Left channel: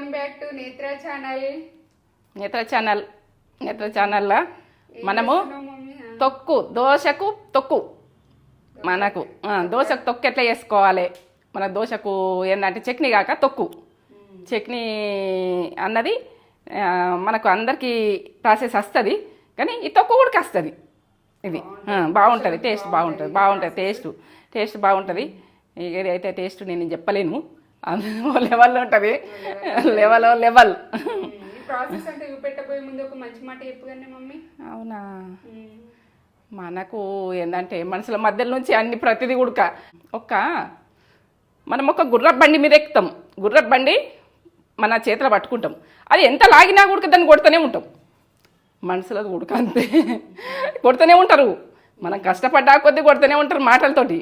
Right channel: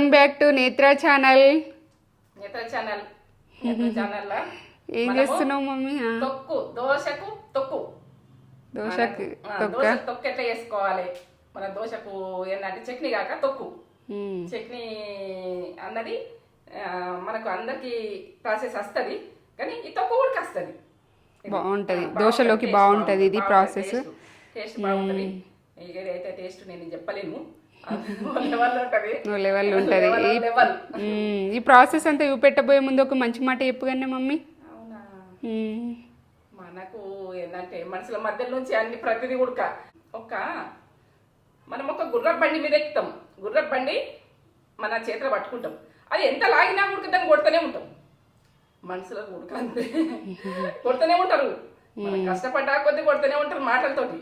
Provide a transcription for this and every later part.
Welcome back to నేత్ర channel. నేత్ర channel మనము తొక్కు దోశకు తొక్కు మనకు దోశకు తొక్కు ఎట్లా చేసుకోవాలి, మన దోశకు ఏంటంటే చట్నీ కాక తొక్కు చట్నీ అన్నది మనకు అందరికి ప్రాసెస్ వస్తుంది, కానీ ఈ తొక్కు కూడా వస్తుంది. టేస్ట్ బాగుంటుంది. ఇదైతే టేస్ట్ నేను చెప్పలేను, లెవెల్ ఉంటుంది. లెవెల్ ఈ ప్రాసెస్ అంతా చూపెట్టబోయే ముందు ఒక మంచి మాట చెప్పుగానే మమ్మీ. అవునా, మనకు ఏంటంటే మనుషుల మధ్యలో నుంచి అన్ని ప్రతిదీ కూడా మనం ఒక గుర్రపు బండి మీద ఎక్కుతాం. గుర్రపు బండి మన చేతిలో పట్టుకుంటాం, అది ఎంత లాగినా కూడా దాన్ని కొడుతూనే ఉంటాం. మనుషులకు ఉడక అంతే, కొడుతూనే ఉంటారు. మనం కష్టపడ్డా కొద్దీ కొడుతూనే ఉంటారు మాటలతోటి.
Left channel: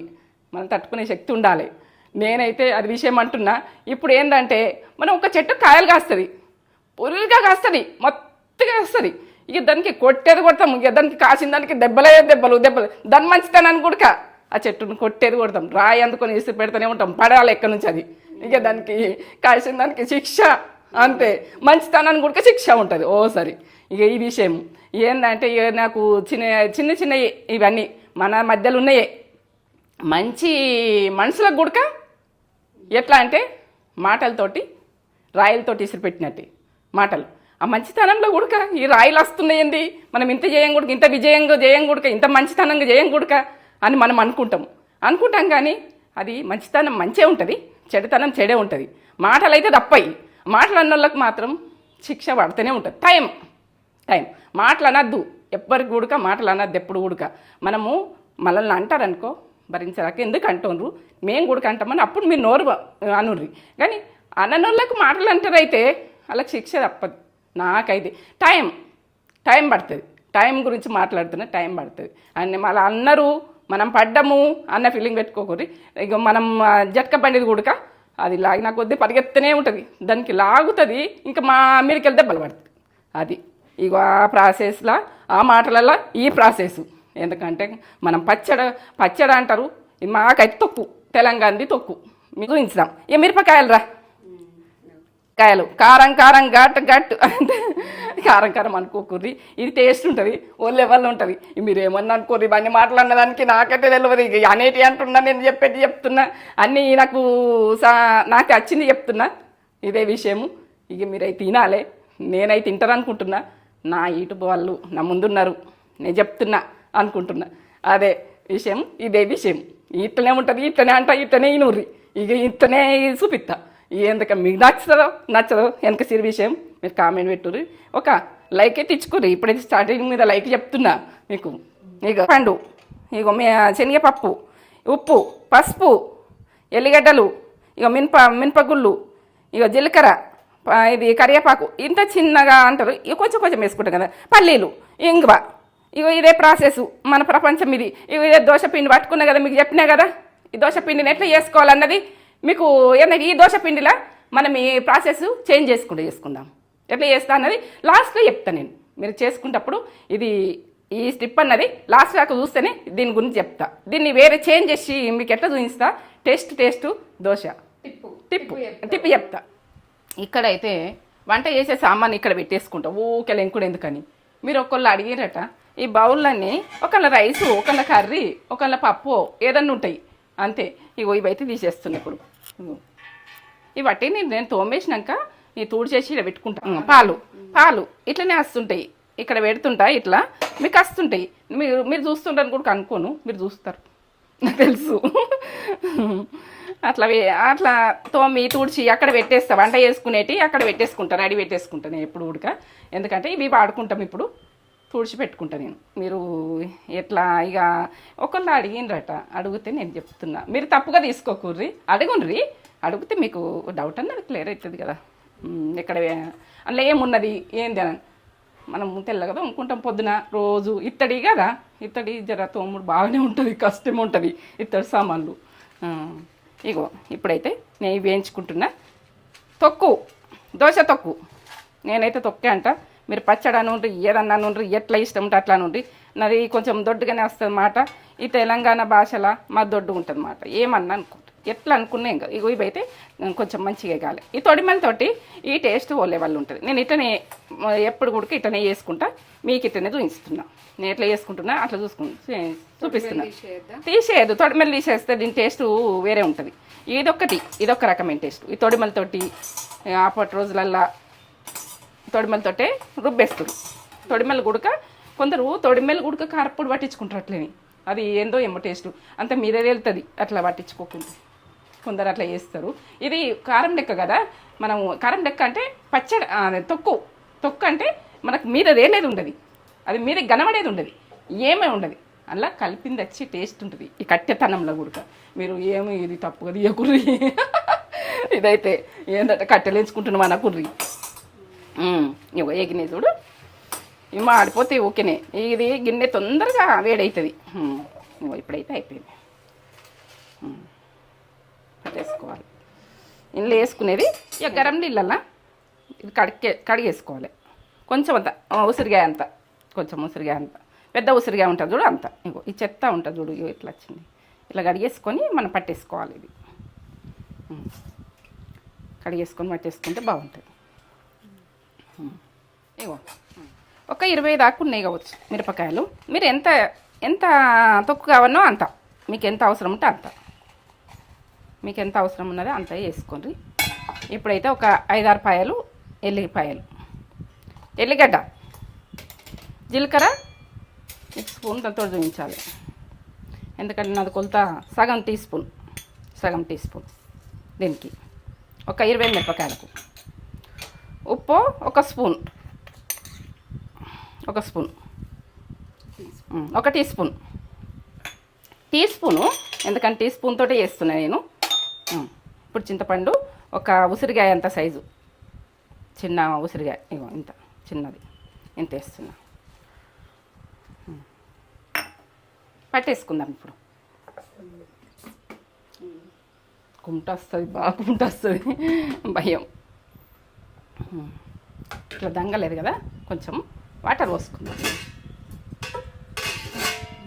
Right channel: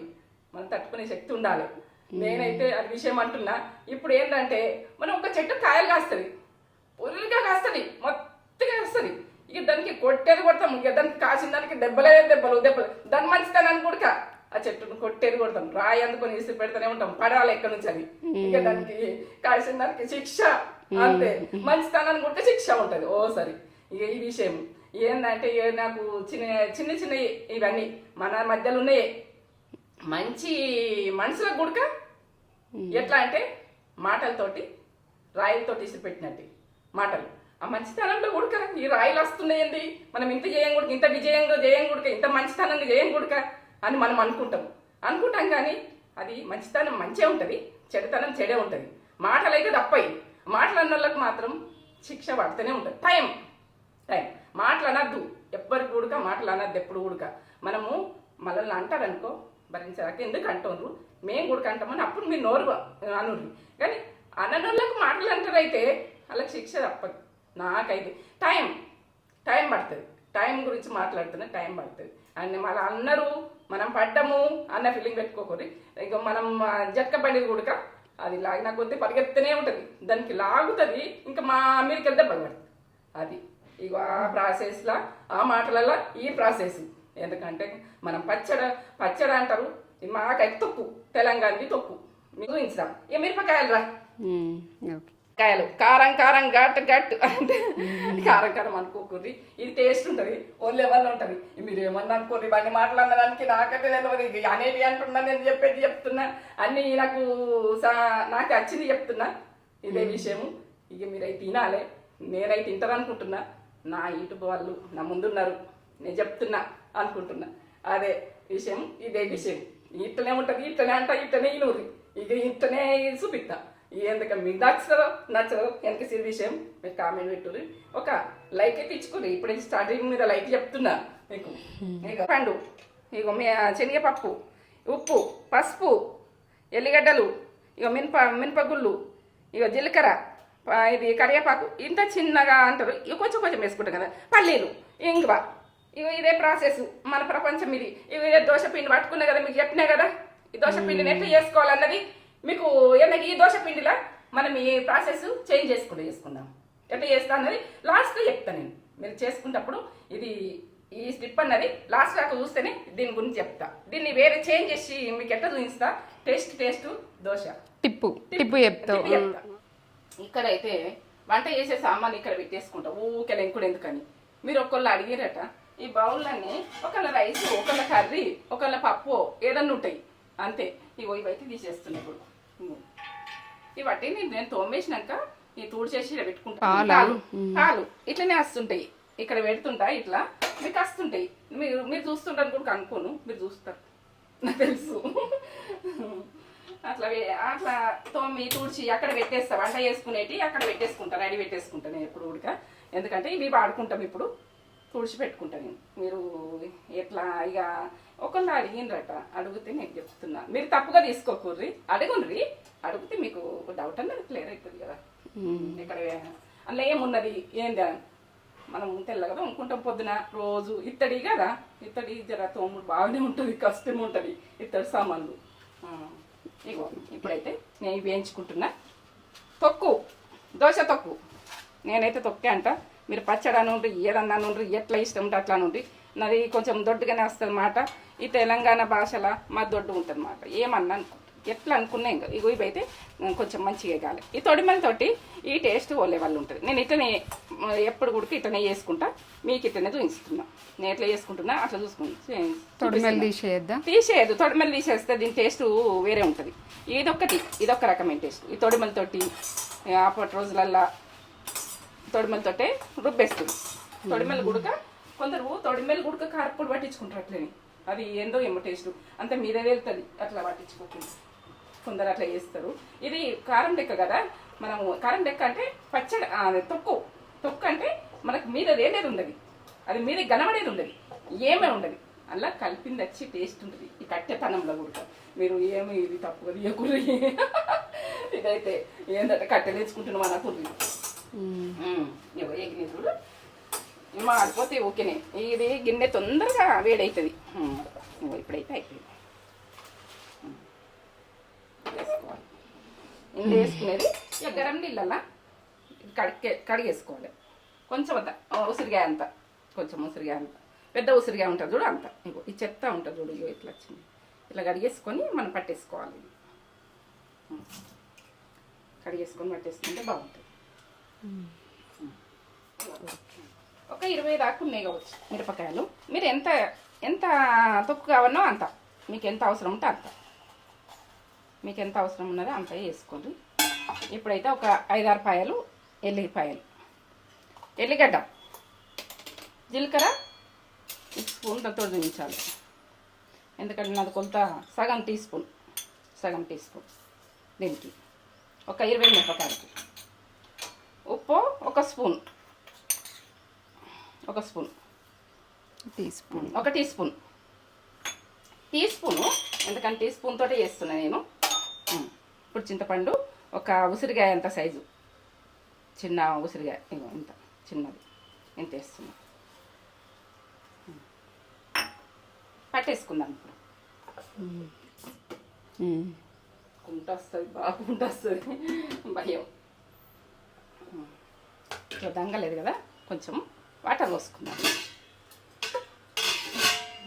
మనం తట్టుకునే శక్తి ఉండాలి. నేనైతే అది విషయం అంటున్నా. ఇప్పుడు ఏంటంటే మనం ఒక చెట్టు కాయలు కాస్తుంది, పురులుగా కాస్తుంది, మొత్తగా కాస్తుంది. ఇక దానికి కొట్టేది కొడతాం, ఇక దానికి కాసిన దానికి దెబ్బలు దాని మంచితనాన్ని కూడా ఆ చెట్టును కొట్టేది కొడతాం. రాయి అందుకొని ఇసి పెడుతూనే ఉంటాం, పడాలి ఎక్కడి నుంచి అది. ఇక దానికి కాసిన దానికి శిక్ష అంతే, మంచితనాన్ని కూడా శిక్ష ఉంటుంది ఓసారి. ఇక ఈ విషయం ఏంటంటే నాకు చిన్న చిన్న ఇవన్నీ మన మధ్యలో ఉన్నాయే. మంచి మనుషులకు గుడక ఎట్లా అంటే మాటలతోటి రాయిలతోటి ఇసిరిపెట్టినట్టే మాటలు. ఆ మంచితనంలో గుడక ఈ రాయిలు వస్తున్నాయండి, మనం ఇంత చేయం గుడక, ఇంత విజయంగా చేయం గుడక, ఇంత మంచితనంగా చేయం గుడక అని మనం అనుకుంటాం. కానీ అది మంచితనం మంచే ఉంటుంది, చెడుతనం చెడే ఉంటుంది. మాటలు అయితే తప్పయి. మాటలు అన్న వాళ్ళకి మాత్రం శిక్ష పడుతూనే ఉంటుంది. టైం మాటలు అనద్దు, ఎవ్వరికి గుడక మాటలు అనద్దు ఎప్పుడు గుడక. మనము మనల్ని అంటారనుకో భరించరాక ఎందుకు అంటుండ్రు, మేము కూడా అంటామని అప్పుడు మీరు నోరు అనుర్రి. కానీ అన్నోళ్ళకు మాటలు అంటారైతే వాళ్ళకి శిక్ష తప్పదు. నాకైతే టైం పడుతుంది. టైం గురించి మాట్లాడుతున్నా, టైం పడుతుంది అని మళ్ళీ అన్నారు. మనం పడ్డము అన్న ఫీలింగ్ పెట్టుకోకూరి. ఇక మనం జట్క పడేది కూడా అది లాగిన కొద్దీ పరిగెత్తనే ఉంటుంది, దానికి లాగుతుంది. ఇంకా మా మీదకి వెళ్తే దెబ్బలు పడుతుంది. అది ఇక ఆ ప్రాసెస్లో ఆ మాటలలో ఈ ప్రాసెస్. ఎందుకంటే మనం పచ్చడి అంటారు, మాకైతే తొక్కు, తెలంగాణది తొక్కు మీకు చూపించుదాం. ఇక మిరపకాయలు కాయలు కారం ఘట్ కారం అనుకోకూర్రి. ఇది టేస్ట్ ఉంటుంది, ఓ లెవెల్ ఉంటుంది. మీరు ఏమన్నా అనుకోర్రి, ఇవన్నీ మాట్లాడినదానికి నాకైతే తెలియదు. ఇక అనేటి అంటున్నా, నేను చెప్తున్నా అన్నీ నాకు వచ్చింది చెప్తున్నా. ఇదే విషయము. ఇక మీరైతే తినాలి, నేనైతే తింటారనుకుంటున్నా. నా యూట్యూబ్ వాళ్ళు నా ముందున్నారు, నేను చెప్తున్నా అనుకుంటున్నా. అదే విషయం, ఇదే విషయం. ఇట్లనే ఉంటుంది, ఇట్లనే నూర్రి. ఇక ఇట్లనే చూపిస్తా. ఎందుక మీకు నచ్చదో వెనక సిరి విషయం మీరు కామెంట్ పెట్టుర్రి. ఒక లైక్ అయితే ఇచ్చుకోర్రి. ఇప్పుడైతే స్టార్టింగ్ మీద లైక్ చెప్తున్నా మీకు. ఇక పండు, ఇక శనగపప్పు, ఉప్పు, పసుపు, ఎల్లిగడ్డలు, ఇక మినపగుళ్ళు, ఇక జీలకర్ర, ఇది కరివేపాకు, ఇంత చిన్నగా అంటారు. ఇక కొంచెం వేసుకుంటాం కదా. పల్లీలు, ఇంగువ. ఇక ఇదే ప్రాసెస్ మన ప్రపంచం ఇది. ఇదే దోశ పిండి పట్టుకున్నా కదా, మీకు చెప్పినా కదా ఈ దోశ పిండిని ఎట్లా చేసుకోవాలన్నది మీకు. ఏంటంటే ఈ దోశ పిండిలా మనం ఈ ప్రాసెస్ చేంజ్ చేసుకుందాం. ఎట్లా చేస్తా అన్నది లాస్ట్లో చెప్తాను నేను. మీరు చేసుకునేటప్పుడు ఇది ఈ స్టిప్ అన్నది లాస్ట్ దాకా చూస్తేనే దీని గురించి చెప్తా. దీన్ని వేరే చేంజ్ చేసి మీకు ఎట్లా చూపిస్తా. టేస్ట్ దోశ టిప్పు చెప్తా. ఇక్కడైతే వంట చేసే సామాన్ ఇక్కడ పెట్టేసుకుంటాం. ఊకెళ్ళ ఇంకుడు ఎందుకని మీరు ఒకళ్ళు అడిగారట. ఈ బౌల్లన్నీ ఒకళ్ళ రైసు, ఒకళ్ళ కర్రీ, ఒకళ్ళ పప్పు ఏదన్నా ఉంటాయి అంతే. ఇగో ఇవైతే తీసేస్తున్నా ఇప్పుడు. ఇవట్టి నేను తోమేసినాక ఈ తూడు చేసి ఇలా పెట్టుకుంటాను. పాలు ఇట్లనే వస్తుంటాయి, ఇక్కడ పెడుతుంటా ఇట్లా మీకు వస్తుంటాయి. మీరు చూస్తుంటారు కూడా అనుకోను, మీరు చూస్తారు నాకు తెలుసు. అట్లా తోమి తుడిచి అక్కడ పెట్టేస్తా. వంట చేసుకునేటి అక్కడ పెట్టేసుకుంటాను, రెడీ పెట్టేసుకుంటాను నేను ఎప్పుడు ఉడక. ఎందుకంటే ఇవి వాడుకుంటాం ఇప్పుడు. తుడిచి పెట్టుకుంటా నేను. మీరు ఎట్లా ఇక ఒకళ్ళు అడిగినరట, అడిగితే నేను చెప్తున్నా. మీరు తప్పుగా తీసుకోకూర్రి, అడిగితే మీకు డౌట్ అన్నది క్లియర్ అవుతుంది కదా. ఎక్కడ అందులో ఏమున్నది ఏంది అని మనం తెల్లగా అనుకుంటాం. పొద్దున రోజు ఇత్తడి కదా, ఇత్తడి జర తోముడు బాగానే ఉంటుంది, కష్టమే ఉంటుంది ఇత్తడి సామాన్లు. ఇగో ఇప్పుడైతే నేను వేయించుకుంటున్నా. దోశ తొక్కు నేనైతే తొక్కే అంట. మీరు పచ్చడి నుండి ఏదన్నా నుండి ఎట్లా ఇష్టం ఉంటే అట్లా నుండి. నాది కొంచెం దొడ్డుగానే వస్తుంది మాట. ఈ తెలంగాణ భాషలో మా దొడ్డు ఉంటుంది మాట. ఏమన్నా అనుకుంటా ఎట్లా అనుకున్నా ఇంకా ఇగో ఇవైతే కొంచెం మంచిగా ఎగాలి. ఈ తొడిమలతోటి ఈ టేస్ట్ ఓలే వాళ్ళు ఉంటుంది. నేను ఇట్లనే ఎప్పుడు కూడా ఇట్లనే చేసుకుంటా, మీకు ఇట్లనే చూపిస్తున్నా. నేను ఎట్లా చేసుకుంటున్నా అట్లా తీసేయద్దు. తొడిమలు తీసేస్తే దీని టేస్ట్ వేరే ఉంటుంది. ఇదొక రకమైన టేస్ట్. ఈ తొడిమలతోటి అప్పటి రోజులల్లా తొడిమలతోటే రుబ్బేస్తుంది. తొడిమల గుడక కొందరు తొడిమల గుడక కారపొడి పట్టించుకుంటారు అట్లేని. అది ఏందో ఏమో టేస్ట్ అంత మీరే వెళ్తుంది అట్లా పట్టించుకోకుండా. కొందరు అట్లా చేస్తారు. ఇది కారం లెక్క కదా, మనం కారం లెక్క అంటే పచ్చడి తొక్కు అంటే మనకు మీద వేలేది ఉండదు, అది మీద గనబడేది ఉండదు, ఏమీ ఉండదు. అలా కలిపింది వచ్చి టేస్ట్ ఉంటుంది. ఈ కట్టెతనంలో కూడా మీరు ఏమి ఇది తప్పుగా తీయకుర్రి. ఇదైతే ఏంటంటే కట్టెలు ఎంచుకుంటున్నాం అన్న కుర్రి. ఇగో ఎగినే చూడు, ఇవి మాడిపోతే ఓకేనే. ఇది గిన్నె తొందరగా వేడవుతుంది. ఇప్పుడైతే అయిపోయింది. పెట్టేసుకోవాలి. ఇందులో వేసుకునేది ఇక గరం నీళ్ళల్లా ఇది కడిగేసుకోవాలి. కొంచెం అంత ఉసిరికాయ అంత, కొంచెం ఉసిరికాయ అంత, పెద్ద ఉసిరికాయ ఉంటుంది చూడు అంత. ఇంకో ఈ చెత్త ఉంటుంది చూడు, ఇట్లా వచ్చింది. ఇట్లా కడిగేసుకొని మనం పట్టేసుకోవాలి. ఇది కడిగేసుకొని పట్టేసుకుంటే బాగుంటుంది. ఒక 20 దాకా ఉన్నాయి కావచ్చు మిరపకాయలు. మీరు ఎంత ఎంత తొక్కు కావాలో అంత, మీకు ఎంత అవసరం ఉంటే అంత, మీకు ఎంత అవసరం ఉన్నదో అంత వేసుకోండి. ఇప్పుడైతే ఒక 5-6 పాయలు ఎల్లిపాయలు, ఎల్లిగడ్డ, జీలకర్ర 1 స్పూన్ దాంతో చూపించాలి. ఎందుకంటే నాది కొలత సగం టీ స్పూన్ దీనికి. ఒక 20 మిరపకాయలకు ఉప్పు ఒక స్పూన్, ఒక టీ స్పూను. ఎందుకంటే టీ స్పూన్ తోటే చేస్తున్నా నేను. ఇప్పుడు చింతపండు ఒక ఉసిరికాయ అంత సైజు, చిన్న ఉసిరికాయ ఇంత చిన్నది ఇంత వేస్తున్నా. పట్టేసుకుందాం ఇప్పుడు. కుంట వస్తుంది, బాగా కుంట వస్తుంది, భయం. ఇట్లా దంగలేదు కదా, కొంచెం వాటర్ పోసుకుందాం.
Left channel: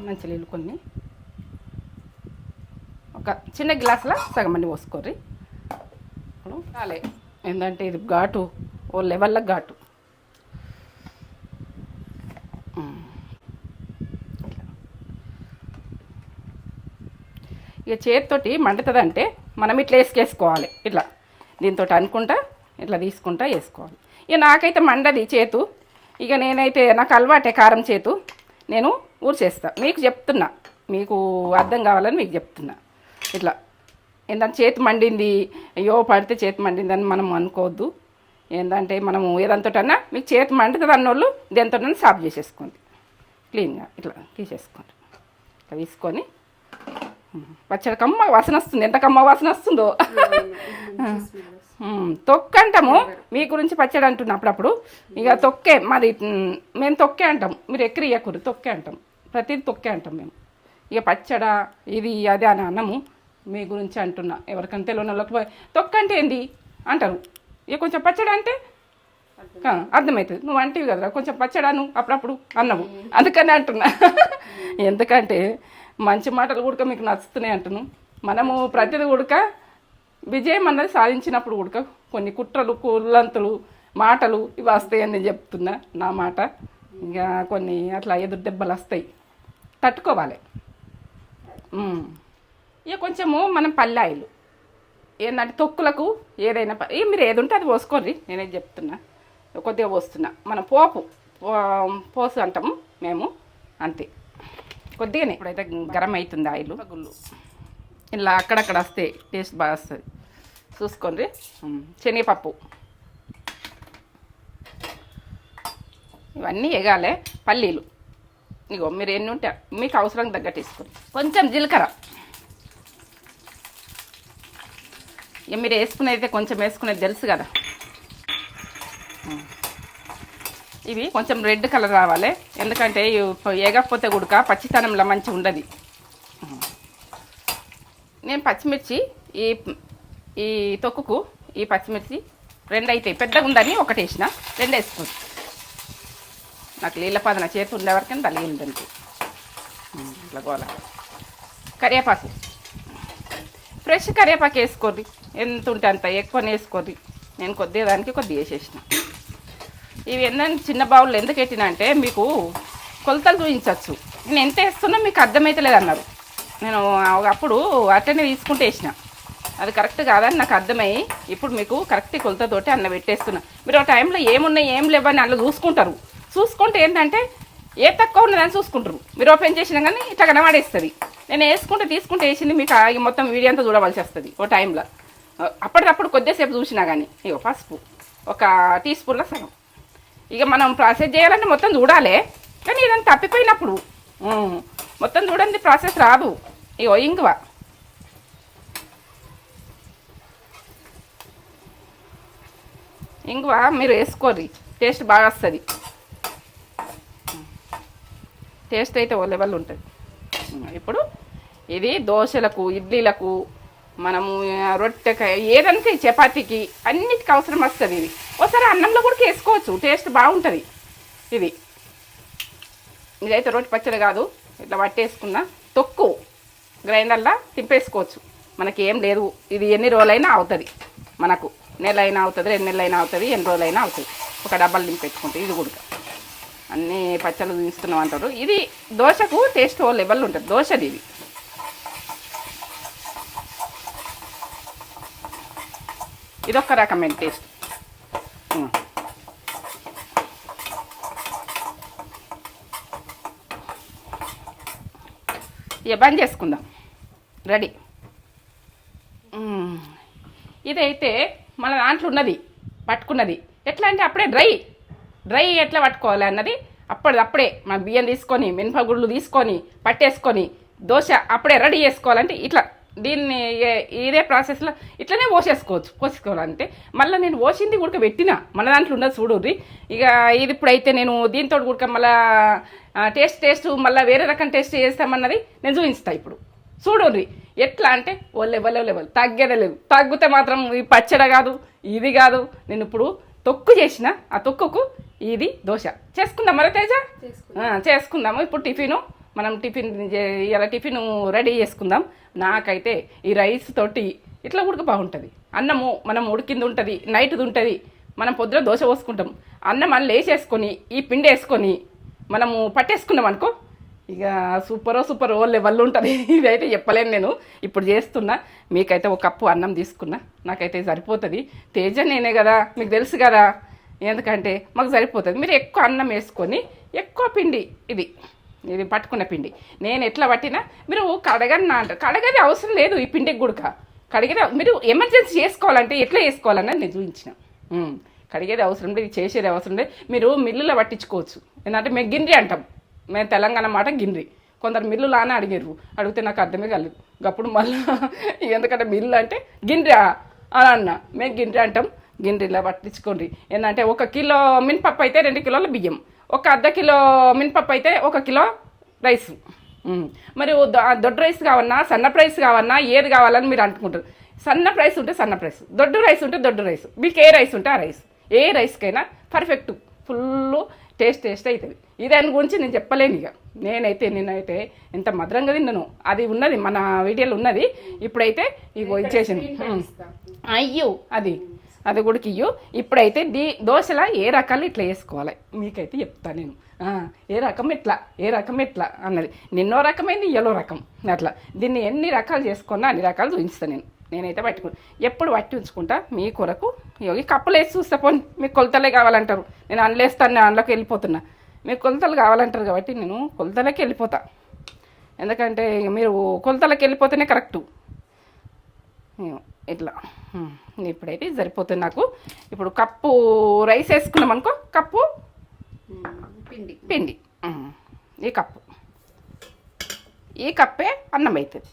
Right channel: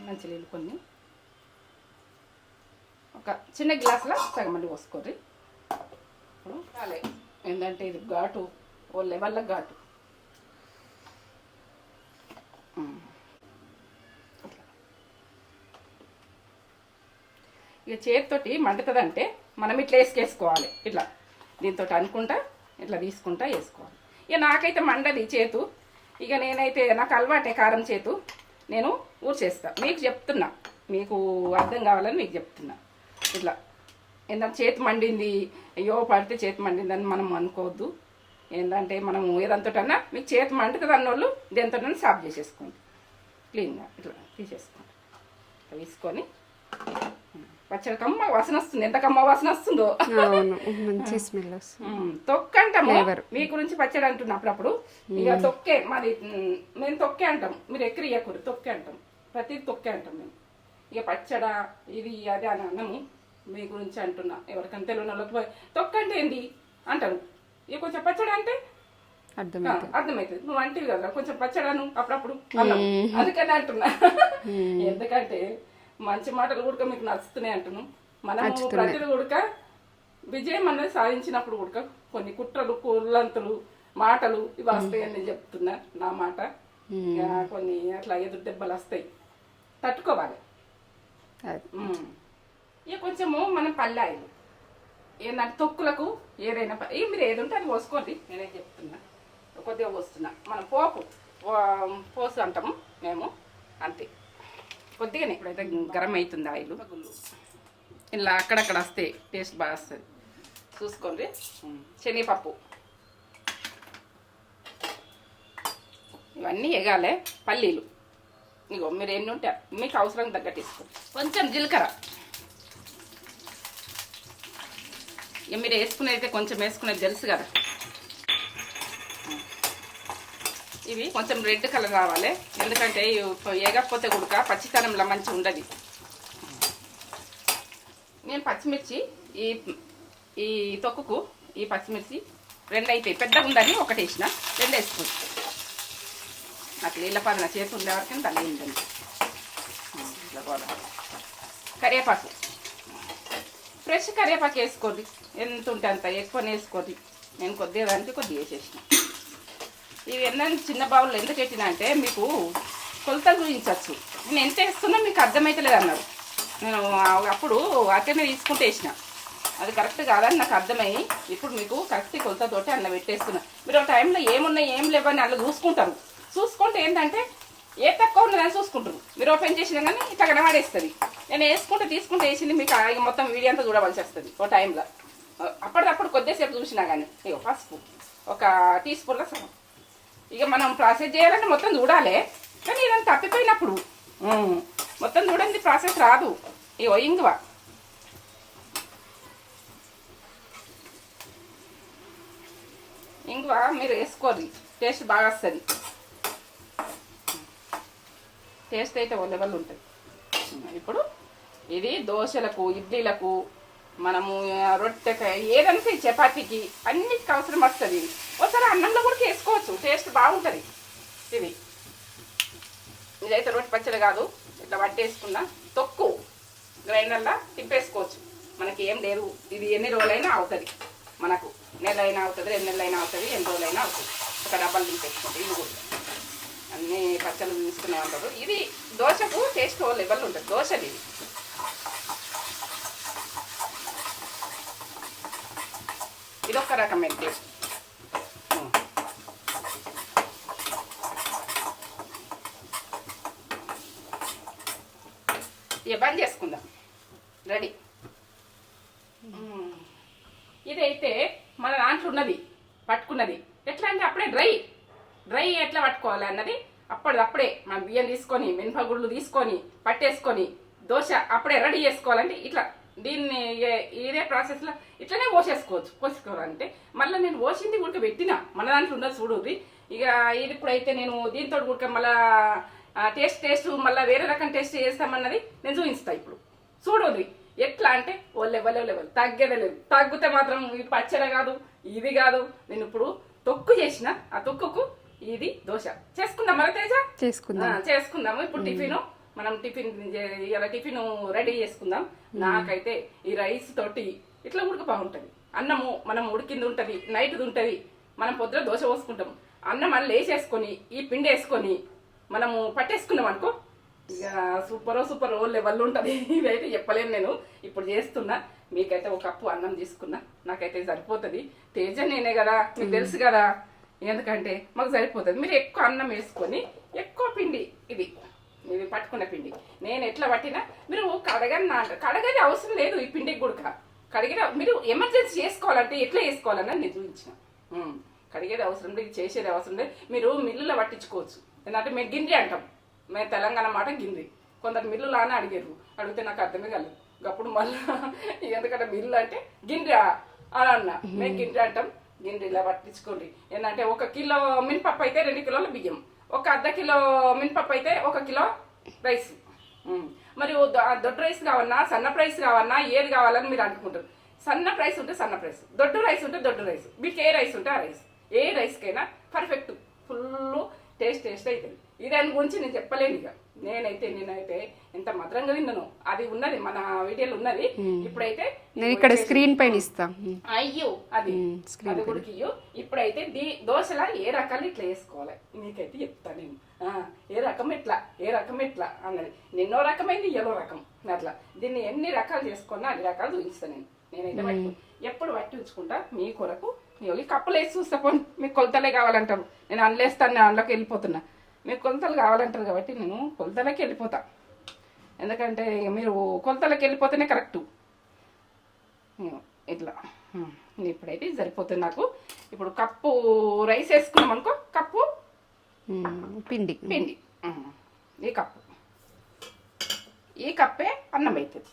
మంచి నీళ్ళు కొన్ని, ఒక చిన్న గ్లాసులో సగం అన్ని పోసుకోర్రి. ఇప్పుడు చాలే, ఏంటంటే ఇది ఘాటు ఓ లెవెల్లో ఘాటు. ఇక చేతితోటి మండుతుందంటే మనం ఇట్లా వేసుకేసుకోవాలి. ఇట్లా దీంతో అనుకుంటా ఇట్లా తీసుకుంటా వేసుకోవాలి. ఇక నాకైతే మండది చేతు. ఇక నేనైతే నాకు అలవాటే కారం చేతు, నేను ఊడ్చేస్తా. మీకు చెప్తున్నా, మీకు అర్థం కావాలని మీకు చెప్తున్నా. ఇట్లా ఏంటంటే చేతి మండింది, అయ్యో పడితే చేతి మండిందని మనం అనుకోవద్దు. ఏంటంటే మనము ఏదంతోటన్నా మీకు చేతి మండుతుంది అన్నోళ్ళు దేంతోటన్నా సాఫ్ చేసేసుకోండి, క్లీన్గా ఇట్లా తీసేసుకోండి. ఇట్లా తీసుకొని పచ్చడి కమ్మ వాసన వస్తుంది. ఎంత కమ్మ వాసన వస్తుందో. తొక్కు అంటాము, మీ గురించి పచ్చడి అంటున్నా అప్పుడప్పుడు. ఇక తొక్కే మాది, మేము తొక్కే అంటాం. మీరు ఎక్కరి ఇయ్యకూడదు, తొక్కే అంటాం. ప్రతిదీ తొక్కే అంటాం మేము. ఇక పచ్చడ ఇది అది అని అన్నము, మీ గురించి అంటున్నా. ఎవరికైనా తెలియని వాళ్ళకి తొక్కు అంటే ఏంది అంటారు. ఇక కొంచెం పచ్చడి అంటే అర్థమవుతుంది. నువ్వు అంటివి కదా కొంచెం పచ్చడాను అప్పుడప్పుడు అన్నాము, అందుకని అంటున్నా. ఎందుకంటే మంచి మాటలు కూడా మీకు నచ్చుతున్నాయి అంటున్నాను. మనము ప్రతిది కూడా విజయం అన్నది సాధించినప్పుడు కూడా కొన్ని కుట్రలు కుల్లంతులు మాటలు ఇవి వస్తాయని నేను చెప్తున్నా. నా మాట ఇక కొన్ని అట్లా ఎదురు దెబ్బలు వస్తాయి, తట్టుకోవాలి. ఇక కొంచెము మనం పల్లాయిలు ఏంటంటే తొక్కులకు ఏదైనా మీరు ఏది ఉంటే అది పోసుకోండి. నేనేది చెప్తున్నా, కొద్దిగా పోస్తున్నా. మనం పోసు అంటాము మేము, అంతే కొద్దిగానే. ఇప్పుడైతే గరం అవుతుంది ఆయిల్. గుళ్ళు ఇలా అక్కడక్కడ వస్తే టేస్ట్ బాగా వస్తుంది, చూసుకోండి. శనగపప్పు ఇవన్నీ ఎగాలి. పల్లీలు ఇగో మీరు ఎన్ని ఉంటే మీకు అవసరం తగ్గట్టు తీసుకోండి. కొంచెం జీలకర్ర, ఇక మీరు వేసుకునేది కొంచెం వేసుకునేది తెలుసు కదా. ఇవి కొంచెం రెడ్ కలర్ రావాలి, ఎందుకంటే ఏగకపోతే కూడా పచ్చితనంలో మంచిగా ఉండదు. నేను పచ్చిమిర్చి ఈ తొక్కుకు ఈ పచ్చిమిర్చి 2 అవుతాయి. పెద్దగా ఉందని ఒకటి వేసిన, 2 వేస్తుంది. నాకు నీళ్ళ పదన చేతి ఉండేవరకని తల్లి ఉందండి. ఇట్లా గోల. కరివేపాకు ఫ్రెష్ కరివేపాకు వేసుకోండి, ఎంత ఉంటే అంత ఎక్కువ వేసుకోండి. నేను కొద్దిగా దానికి కొద్దిగా వేసేసిన. ఇవి ఏంటంటే చిన్న బావులు ఎందుకు పెట్టినా అంటే మీకు కొలతలు చూపించవచ్చు. నేను ఎంత వేస్తున్నా మీకు అర్థమవుతలేదు అన్నారు. నేను అప్పుడు అట్లనే తీసుకుంటే వేసిన, అది కరెక్ట్ కాదని నాకు అర్థమయ్యి ఇప్పుడు మీకు కరెక్ట్ కొలతతోటి అన్న పెట్టేస్తున్నా. మీరు ఆ టైంలో ఏమున్నాయి ఏం లేవని అలా చూసుకుంటారు. చూసుకుంటే ఏంటంటే ఏ తక్కువ ఉన్నదని చూసుకుంటారు. మీరు ఓపెన్ చేసినా కానీ ఇట్లా కనబడేస్తుంది. నేను వేసుకుంటే తీసుకుంటే వేసింది మీకు మొత్తం వీడియో అంతా చూడవలసి వస్తుంది ఓ టైంలో. అప్పటికప్పుడు కొద్దిసేపు చూసినా కానీ ఇక పసుపు 1 టీ స్పూన్ల సగం. ఇక మనం ప్రాసెస్ చేయాలంటే మొత్తం చూడాలి, కానీ ఏదైనా తప్పిపోయినప్పుడు మొత్తం చూడండి ప్రాసెస్ రాదు. ఇగో ఇంగువ మీరు వేసుకోర్రి, టేస్ట్ బాగా వస్తుంది. టేస్ట్ అయితే ఓ లెవెల్ ఉంటుంది. ఇప్పుడు ఇది దోశలకు, ఇడ్లీలకు, మనము రొట్టెకి, ఏదైనా చపాతీకి అన్నిటికీ అవసరం వస్తుంది. ఇది ఒకసారి అన్నంలో కూడా వేసుకోవచ్చు, టేస్ట్ బాగుంటుంది. ఇదైతే రొట్టె పచ్చడి కాదు, ఇట్లా పట్టేసుకున్న తొక్కు గ్రైండర్లో తింపేసుకోవచ్చు. మనకి ఏం లేదు, ఇది ఎన్ని రోజులైనా అవుతుంది. మనకు నెలైనా అవుతుంది, 2 నెలలైనా అవుతుంది, ఎన్ని రోజులైనా అవుతుంది. ఒక డబ్బాలు నింపెట్టుకుంటే ఇది కూడా అన్ని పచ్చళ్ళు తీసుకున్నాం అంటారు. ఇది దోశకు టేస్ట్ ఓ లెవెల్ ఉంటుంది. దోశది ఇది. ఇదొక రకమైన టేస్ట్. ఇక బంద్ చేసుకుందాం. రెడీ. ఇదైతే మన దాంట్లో ఉన్నది పట్టుకున్నది. ఎట్లా అంటే అప్పుడే డ్రై ఎట్లా పట్టుకోవాలి అన్నది అప్పుడే మన బియ్యం తీసుకొని, మినపగుళ్ళు తీసుకొని పట్టేసుకొని దోశ అప్పుడే రెడీ చేసుకోవాలంటే ఇట్లా దీన్ని ఇదే ప్రాసెస్లో ఇట్లనే పోసేసుకోవాలంటే మళ్ళీ నేను పోసింది ఉడకబెట్టిన మన దాంట్లో ఉన్నది చూడుర్రి. ఇక ఇది ఇప్పుడైతే నేను దీంతో ఉడక మళ్ళీ టేస్ట్ మళ్ళీ వేరే రకం టేస్ట్ చేస్తామన్నది నేను చూపిస్తాను. ఇప్పుడు చూడుర్రి ఎట్లా అంటే ఓ లెవెల్ తగ్గేదే లేదు. తగ్గితే మాత్రం ఈ పచ్చడి కాదు, ఇది కాదు. నేను ఇప్పుడు తొక్కు చేసిన, ఆ తొక్కుకు ఇది దోశ చేసుకుందాం. మరి తేజ చేసుకుందాము. ఇప్పుడు మనం టిఫిన్ రెడీ చేసుకుందాం. నాకైతే ఈ రైస్ తోటి ఇట్లా ఉడక బాగుంటుంది. అన్నము మనం ఉడికింది ఉంటుంది, నైట్ది ఉంటుంది. మనం పొద్దున దోశ పోసుకుంటాం, అన్నం మళ్ళీ వేసేసుకొని ఈ పిండి వేసుకొని మనము పట్టేసుకున్నాం అనుకో, ఇక సూపర్ ఓ లెవెల్ ఉంటుంది. ఇదైతే చెప్పలేను, నేను ఇప్పుడు చేస్తున్నా. మీకైతే 1 కప్పు అన్నం తీసుకున్నా, నాకైతే సరిపోతుంది. తేజ నేనే కదా, మీకు తెలుసు కదా, ఎందుకంటే మాకు సరిపోతుంది. మీరు ఎక్కువ అన్నం వేసుకొని ఎక్కువ పిండి ఇది పట్టుకున్న పిండి నేను ఎట్లా పట్టినా మీరు కడగది అవసరం లేదు. ఈ పిండికి గుడక కడిగేది మీరు ఎమర్జెన్సీ చేసుకోవాలంటే ఎట్లా చేసుకోవాలన్నది నేను చూపించిన. కడిగేది అవసరం లేదు, చేసేది అవసరం లేదు. మీరు మిల్లులో పట్టించుకోవచ్చు. ఎందుకంటే మేము గిన్నె అంటాం, మేము తెలంగాణ మాట గిన్నె. కొందరు మిల్లులు అని అడిగితే నాకు అర్థమే కాలేదు. అప్పుడు మళ్ళీ ఎందుకంటే మిల్లు అంటే గిన్నె అని అన్నా. మేము గిన్నె అంటాం. గిన్నెలా పట్టించుకోండి. ఏంటంటే 1 కిలో మినపప్పు అయితే 2 కిలోల బియ్యం, 1 అర్ధ కిలో మినపప్పు అయితే 1 కిలో రైస్. మరి దొడ్డు రైస్ కావన్నా, సన్న రైస్ కావన్నా, ఏది కావాలని మీరు అనుకుంటారు. సన్న రైస్ ఉంటే సన్న రైస్, దొడ్డు రైస్ ఉంటే దొడ్డు రైస్, మీకు ఏ రైస్ ఉంటే ఆ రైస్. ఏ రైస్కైనా పర్ఫెక్ట్ ఫుల్ టేస్ట్ అవుతుంది. దాని గురించి నేను చెప్పలేను. ఇక నేనైతే ఎంత మధురంగా తిన్నాను. అది ఉన్నది మన వీడియోలో ఉన్నది. ఇప్పుడైతే స్క్రీన్ పైన ఇస్తా. అయ్యో అది కూడా ఇయ్యో. ఇప్పుడైతే దోశలా ఏ రకాలు ఇట్లా వేసుకోవాలి మీకైతే చెప్తాను నేను. ఏ రకం ఎట్లా అన్నది. నిన్నో రకమైంది, ఇయ్యలో రకం అట్లా. దీన్ని ఎన్ని రకాలు చేసుకున్నా అన్ని రకాలు చూపిస్తాను నేనైతే పట్టుకుని ఎప్పుడు పట్టి ఉంచుకుంటా మీ కొరకు. ఈ కప్పులు వేసి చూస్తా పోనీ, మీకు కొలతలే కావాలంటారు. నేను అందులోస్తాను, నేను అందులోకి వెళ్ళిపోతున్నా. మీకు కొలతలు కావాలంటారు కాబట్టి నేను కొలతలకి వెళ్ళిపోతా. ఎందుకంటే మీరు కొలతలకి వెళ్ళిపోతేనే కరెక్టు. ఇట్లా ఇప్పుడైతే సరిపోతుంది నాకు. ఇప్పుడు కప్పు రైస్ వేసుకున్నాం అనుకో, కప్పు పిండి ఈ కప్పే అన్నం అవుతుంది.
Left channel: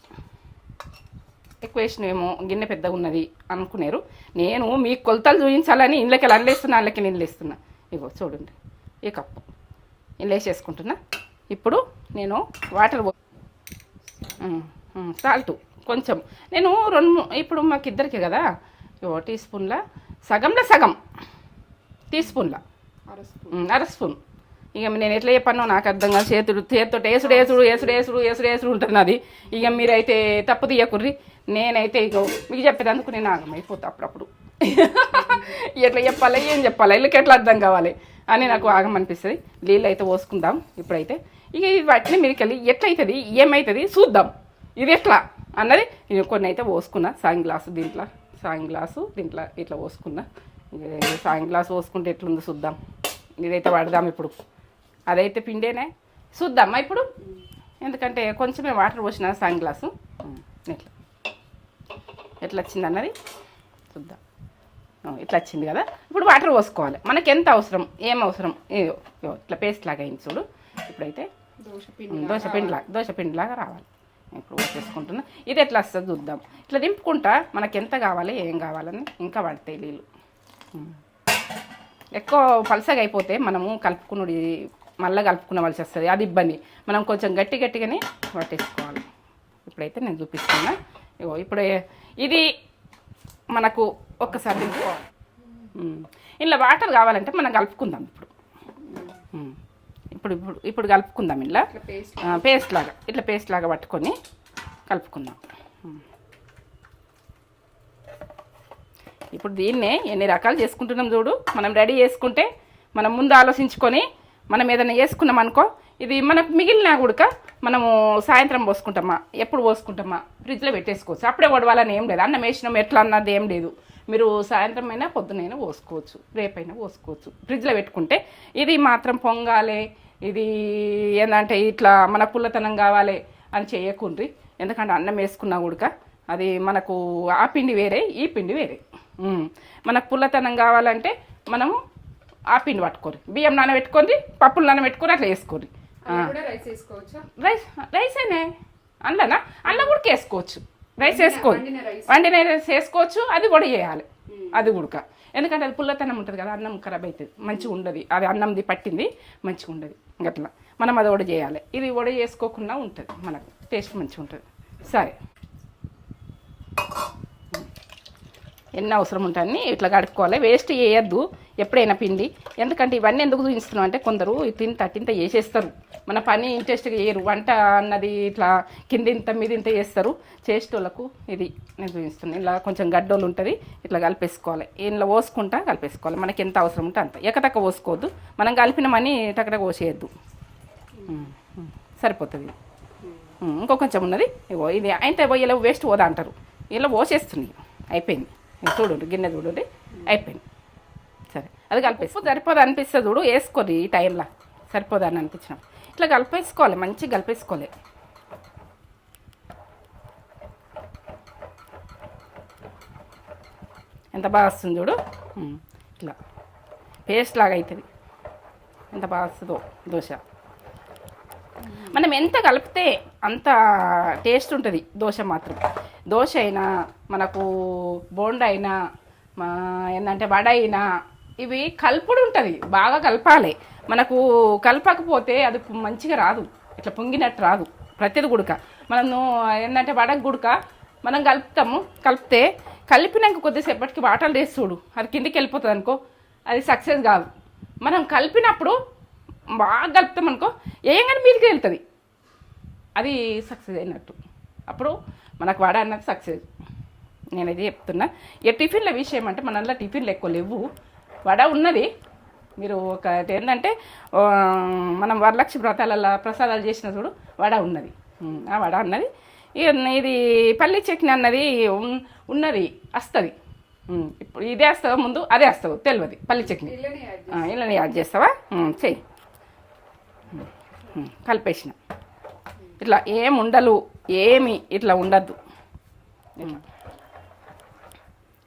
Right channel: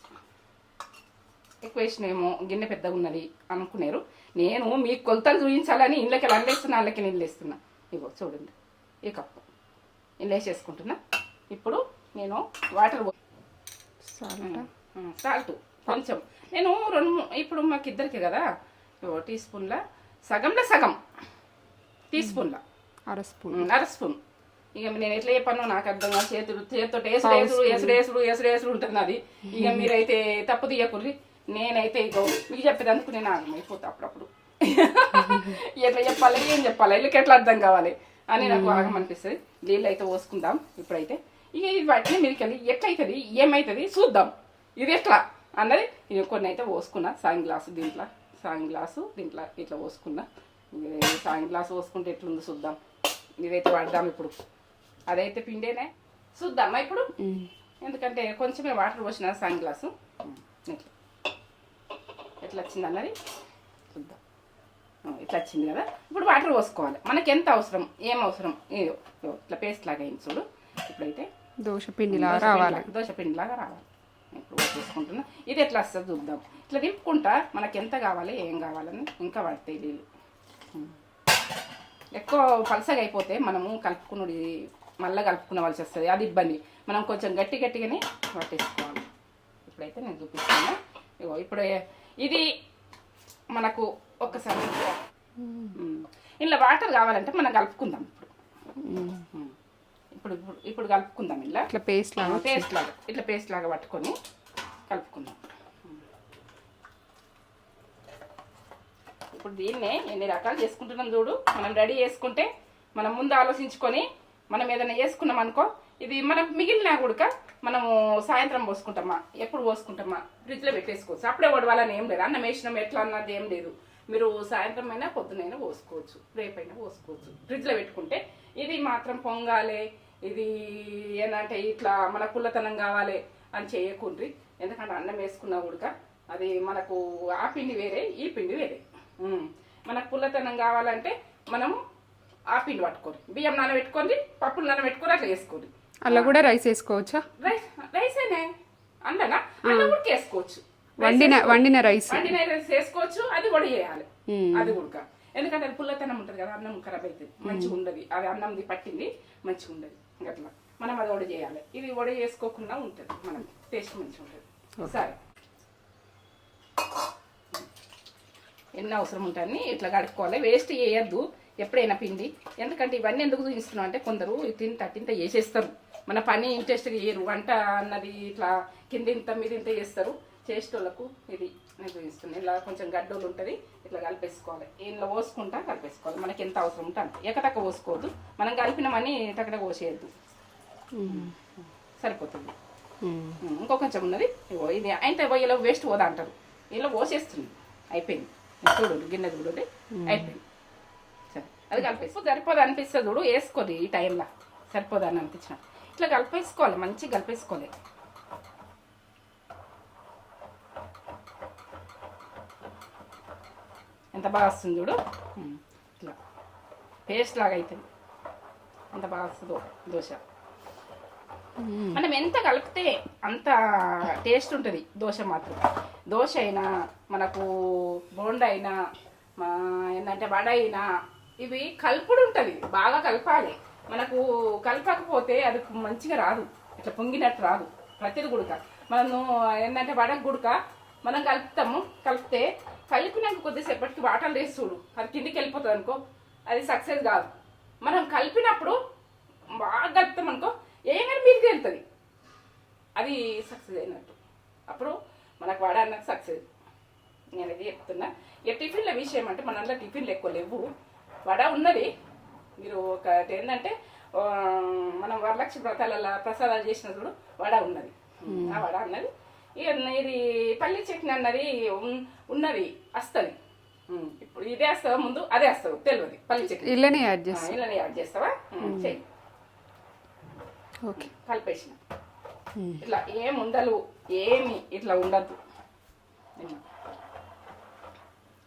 ఎక్కువ వేసినేమో గిన్నె పెద్దగా ఉన్నది అనుకున్నారు. నేను మీకు కొలతలు చూపించాలని ఇంట్లోకి అల్లేస్తున్నా, అందులోకి నీళ్ళు వేస్తున్నా. ఇగో చూడండి, ఈ కప్పు ఇలా వేసేసుకుంటున్నా. ఇప్పుడు నేను వాటర్ సాల్ట్ కొంచెం నేను ఇప్పుడు మాకు ఇద్దరికి కదా, 1 టీ స్పూన్ల సగంలో సగం టీ స్పూన్ల అర స్పూన్. ఇక నేను ఎట్లా చెప్పానో నాకు అర్థం కాదు. చేతితో ఏసుడు ఉంటుంది నాది. ఇక మీరైతే తప్పు తీయకుర్రి. నేనైతే ఇగో మీకు చెప్పేదందుకు నేను ఆగమైపోతా అప్పుడప్పుడు ఎట్లా చెప్పాలి ఏం చెప్పాలి వీళ్ళకి ఎట్లా అర్థం కావాలి అని నాకు ఆగమనిపిస్తుంది. నీళ్ళు అయితే పోసుకుందాం ఇప్పుడైతే. ఇక వాటిని మీదకెళ్ళి ఎట్లయితుంది ఏమవుతుంది చూద్దాం, ఇది ఎట్లా అన్నది. నేను కొన్ని అయితే పోసుకున్నా, సాయం గ్లాసు దీంట్లో, సాయం గ్లాసు దీంట్లో ఇట్లా పోసుకున్నా. సాయం గ్లాసు పోసుకుంటే ఎట్లుందో చూద్దాం. ఇదైతే వాడదాం ఇప్పుడు. అదైతే పిండేనే చూద్దామా ఇప్పుడు, ఎందుకంటే కొంచెమే వాటర్ పోసిన సాయం గ్లాసు. ఇట్లా ఎట్లా వచ్చింది అన్నది చూద్దాం. ఇట్లా వచ్చింది కదా, ఇప్పుడు వాటర్ పోసుకోవాలి. మనకి ఎంత అవసరం ఏం అవసరం ఇట్లా పేస్ట్ లాగా అయింది చూడు. ఇప్పుడైతే దోశ పిండిలాగా రావాలి. ఇప్పుడు చేసుకుంటున్నా. ఇది ఎట్లా వస్తుంది చూద్దాం. ఇట్లా దింపుకుంటా మనకి ఎంత కావాలి ఏం కావాలని ఇంకా పడతాయి నీళ్ళు. ఎక్కువ పలసగా అయిపోతే మనము కలుపుకున్నది మళ్ళీ కలుపుకునవలసి వస్తుంది, అది ఇబ్బంది. మనం కొంచెం గట్టిగానే పట్టేసుకోవాలి. ఇప్పుడైతే నేను చూపిస్తున్నా. ఇప్పుడు ఇది మనకు ఒక్కసారి ఇలా వాటర్ కావాలంటే మనం కలుపుకుందాం. ఇప్పుడు కలుపుకుందాం. ఇలా ఇట్లా పేస్ట్ లాగా పట్టుకొని కలుపుకుందాం. ఇప్పుడు దీన్నే ఎన్ని రకాలు చేసుకుంటున్నాం చూడు. మనం రెడీ చేసుకుంటే మనం ముందు ఆలోచించుకొని మనం ఏదైనా చేసుకున్నాం అనుకో, ఇది మనకు మిగిలినా కూడా మనము సాయంత్రం పోసుకుంటామా, ఎప్పుడు పోసుకుంటామా, ఫ్రిడ్జ్లో పెట్టేసుకోవచ్చు. అప్పుడే వడవాలని ఏం లేదు. అన్నం వేసినాం ఎట్లా అన్నది ఏం లేదు. మీరు సాయంత్రం అయినా పొద్దునైనా పోసుకోవచ్చు, రేపైనా పోసుకోవచ్చు. ఫ్రిడ్జ్లో పెట్టుకుంటే ఇది మాత్రం పొంగాలి, ఇది ఏంటంటే ఇట్లా మన పుల్లతనం కావాలి అని చేయకుండ్రి. ఎందుకంటే అన్నం వేసుకున్నా కూడా అది మనకు ఆ పిండి వేరే ఈ పిండి వేరే. మనకు పుల్లతనం కావాలంటే మనము ఆ పిండి పట్టుకోరు, బియ్యం నానబెట్టుకొని పప్పులు నానబెట్టుకొని అట్లా వేసుకోరు. అలా కూడా రైస్ వేసుకోవచ్చా? రైస్ అయినా అల్లనా అల్ల కూడా వేసుకోవచ్చు. వండిన రైస్ వేసుకోవచ్చు. అది కూడా చేయాలి, అది ఉడక. ఎందుకంటే అది పుల్లతనం ఉంటుంది కదా, అన్నం ఖరాబ్ అవుతుంది, మంచిగా ఉండదు. అది అన్నంది పట్టింది మంచిగా ఉండదు. అట్లా మనం అది వడ చేయాలి. ఇది వడ చేసుకోకుండా ఉంటుంది, మనకు టేస్ట్ మంచిగా ఉంటుంది. సరే, ఎన్ని అవసరం ఉంటాయని ఇట్లా కడుక్కోవాలి. వేస్ట్ చేయొద్దు ఎప్పుడైనా పిండి. ఎందుకంటే ఇవన్నీ ఎందుకు చూపిస్తున్నాం అంటే కొందరు తింత వేసేస్తారు, మన పని ఇంట్రెస్ట్గా చేయరు. వంట అన్నది ఇట్లా కింద ఇంత మీద ఇంత చేస్తారు. చేసేటోళ్ళకు ఇది నేను చూపిస్తున్నాను. ఇలా కొంచెం గడ్డోళ్ళు ఉంటుంది, ఇట్లా కలిపేసుకోవాలి. ఇంట్లో పోసుకుంటా కలిపేసుకోవాలి. మనకి ఎంత అవసరం ఉంటే అంత, ఎక్కతక్క పోసుకోవద్దు. మనం కలిపినమని టక్కడ పోసేయద్దు, సరిపోతుంది. ఇంకో కొంచెం ఉన్నది, ఇది అయితే ఇలా వేస్ట్ పోదా అంటారు. ఇలా పోసేస్తుంది, అయిపోయింది. చూడు గిన్నె చూడండి, అయిపోయింది. సరే, అది కలిపేసుకో. సరిపోదు అనిపిస్తుంది చూడు, వేసుకోదు ఈ టైంలో. సరిపోదు అని అనిపించిన ఇట్లా కలిపేసుకోవాలి, మంచిగా కలిపేసుకోవాలి. ఎంత బాగా వస్తుంది చూడు, ఇట్లా పేస్ట్ లాగా అవుతుంది. ఎంత బాగా వస్తుందో దోశ. మనం ఎంత కలిపితే అంత టేస్ట్ ఉంటుంది దోశ మాత్రం. దోశ అయినా మనకు బోండా అయినా ఏంటంటే వడ అయినా ఇవి కలుపుడు ఉంటుంది, బాగా కలపాలి. మనకు కలపకపోతే అది మంచిగా రాదు, ఇట్లా పొంగినట్టు రాదు. ప్రతిది గుడక మనము ఏంటంటే వడకు గుడక మనం కలుపుతాము. కలిపితే కలిపినాక కొద్దిసేపటికి వాటర్ వేసి చూడు, అది కిందికి వెళ్ళిపోతుంది అనుకో, అది సక్సెస్ కాదు. మనం కలిపినప్పుడు బాగా కలుపుతాం అనుకో, ఏం కానీ మీదికి వెళ్తుంది, అది సక్సెస్ అయినట్టు. అప్పుడు మనకు వడ అన్నది సక్సెస్. నేను ఇది చెప్తున్నా. ఇక టిఫిన్ల విషయం అంటే మనలో టిఫిన్లు ఎక్కువ లేవు. వడ ఉన్నది. మీరు ఒక ఏంటంటే మనం వరలక్ష్మి వ్రతాలలో ప్రసాదాలు చేసిన చూడు, వడ ఉన్నది. ఆ వడ ఉన్నది. ఇది పల్లి చట్నీ అన్నది ఉన్నది, వస్తుంది. ఇప్పుడు ఇదే వస్తావా ముందు అదే వస్తావు తెలియదు. పల్లి చట్నీ ఇళ్ళని యాడ్ చేస్తావా, చెయ్యి. కలిపేసిన ఇట్లా ఏం ఉండలు ఏమి ఇట్లా ఉండద్దు.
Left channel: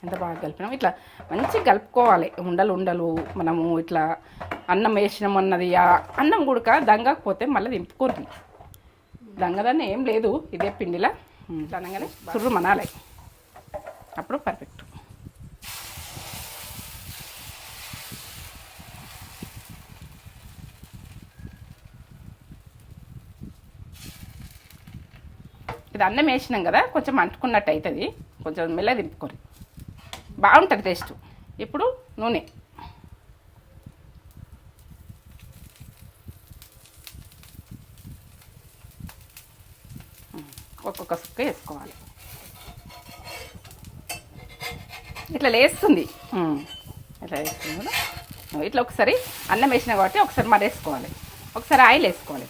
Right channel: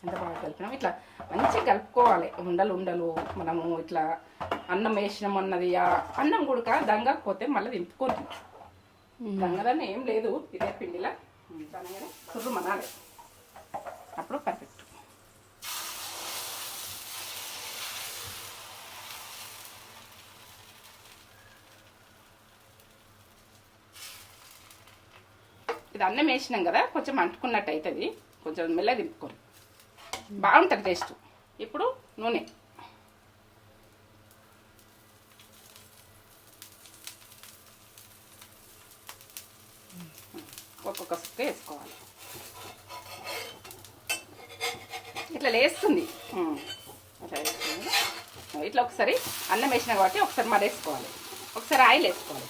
ఎంత బాగా కలిపినాం, ఇట్లా మంచిగా కలుపుకోవాలి. ఉండలు మనము ఇట్లా అన్నం వేసినాం అన్నది, అన్నం గుడక దంగకపోతే మళ్ళీ దింపుకుంటుంది. దంగదన్న ఏం లేదు, ఇదే పిండిలా అనగానే సుర్రు మనాలి, అప్పుడు పర్ఫెక్ట్. ఇది అన్నం వేసినాం కదా, కొంచెం అంటుకున్నట్టు అవుతుంది. కొంచెం మెల్ల దింపుకొని బాగుంటుంది టేస్ట్. ఇప్పుడు నూనె ఒక్కొక్క సుక్క వేసుకోవాలి. ఇట్లా లేస్తుంది ఇట్లా వేస్తుంది కదా. ఇట్లా ఒకసారి అన్నం వేసిన కాబట్టి ఒకసారి మరేసుకోవాలి, ఒకసారి ఆయిల్ వేసుకోవాలి.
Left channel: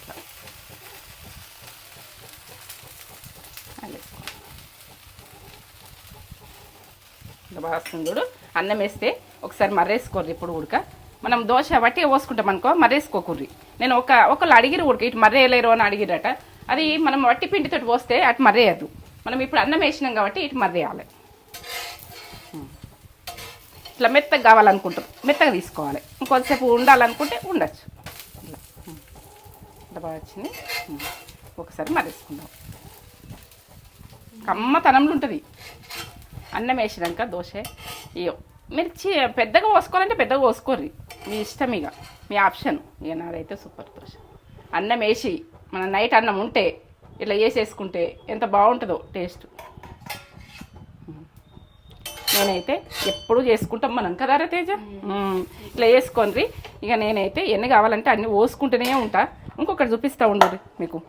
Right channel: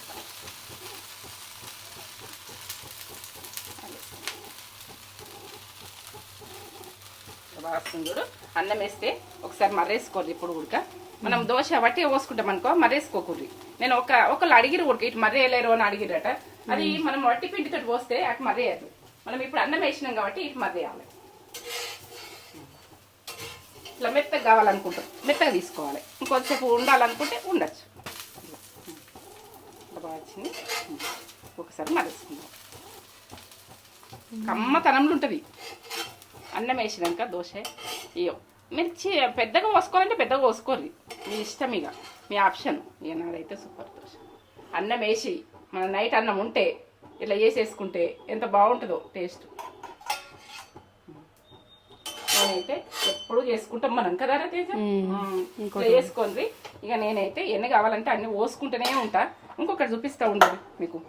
ఇట్లా బాగా వస్తుంది చూడు. అన్నం వేస్తే ఒకసారి మర్రేసుకోరు. ఇప్పుడు ఉడక మనం దోశ బట్టి పోసుకుంటాం అనుకో, మర్రేసుకోకూర్రి. నేను ఒకళ్ళు అడిగిరు ఉడక ఇటు మర్రేయలేరు అని అడిగిరట. అది మనం వట్టి పిండితో పోస్తే అటు మర్రేయద్దు. మనం ఇప్పుడు అన్నం వేసినాం కాబట్టి ఇటు మర్రేయాలి. ఇట్లా మెత్తగా కావాలనుకుంటాం, మెత్తగా తీసుకోవాలి. ఇంకొంతసేపు ఉండాలనుకుంటే ఉండొచ్చు. ఇట్లా బాగా వచ్చింది. ఒకసారి మర్రేసుకుందాం. కమ్మతనంలో ఉంటుంది అన్నం వేసినాక దోశ. ఇయో మిర్చి పెద్దగా పోసుకోవాలంటే పెద్దగా పోసుకోర్రి, మీ ఇష్టం, ఇక మీ ఆప్షన్. ఇక నాదైతే సూపర్ దోశ. అన్నం వేసి మన నైట్ అన్నం ఉంటే ఇట్లా వేసేసుకుంటే ఎంత బాగుంటుందో టేస్ట్. నేనైతే ఎప్పుడు చేసుకుంటాం మనం కదా తేజ. ఇట్లా వేసుకోండి. ఇక నేనైతే ఎన్ని కావాలంటే అన్ని పోసుకుంటూనే ఉంటా. ఇంకొకటి చూపిస్తూ ఉండదు మీకు.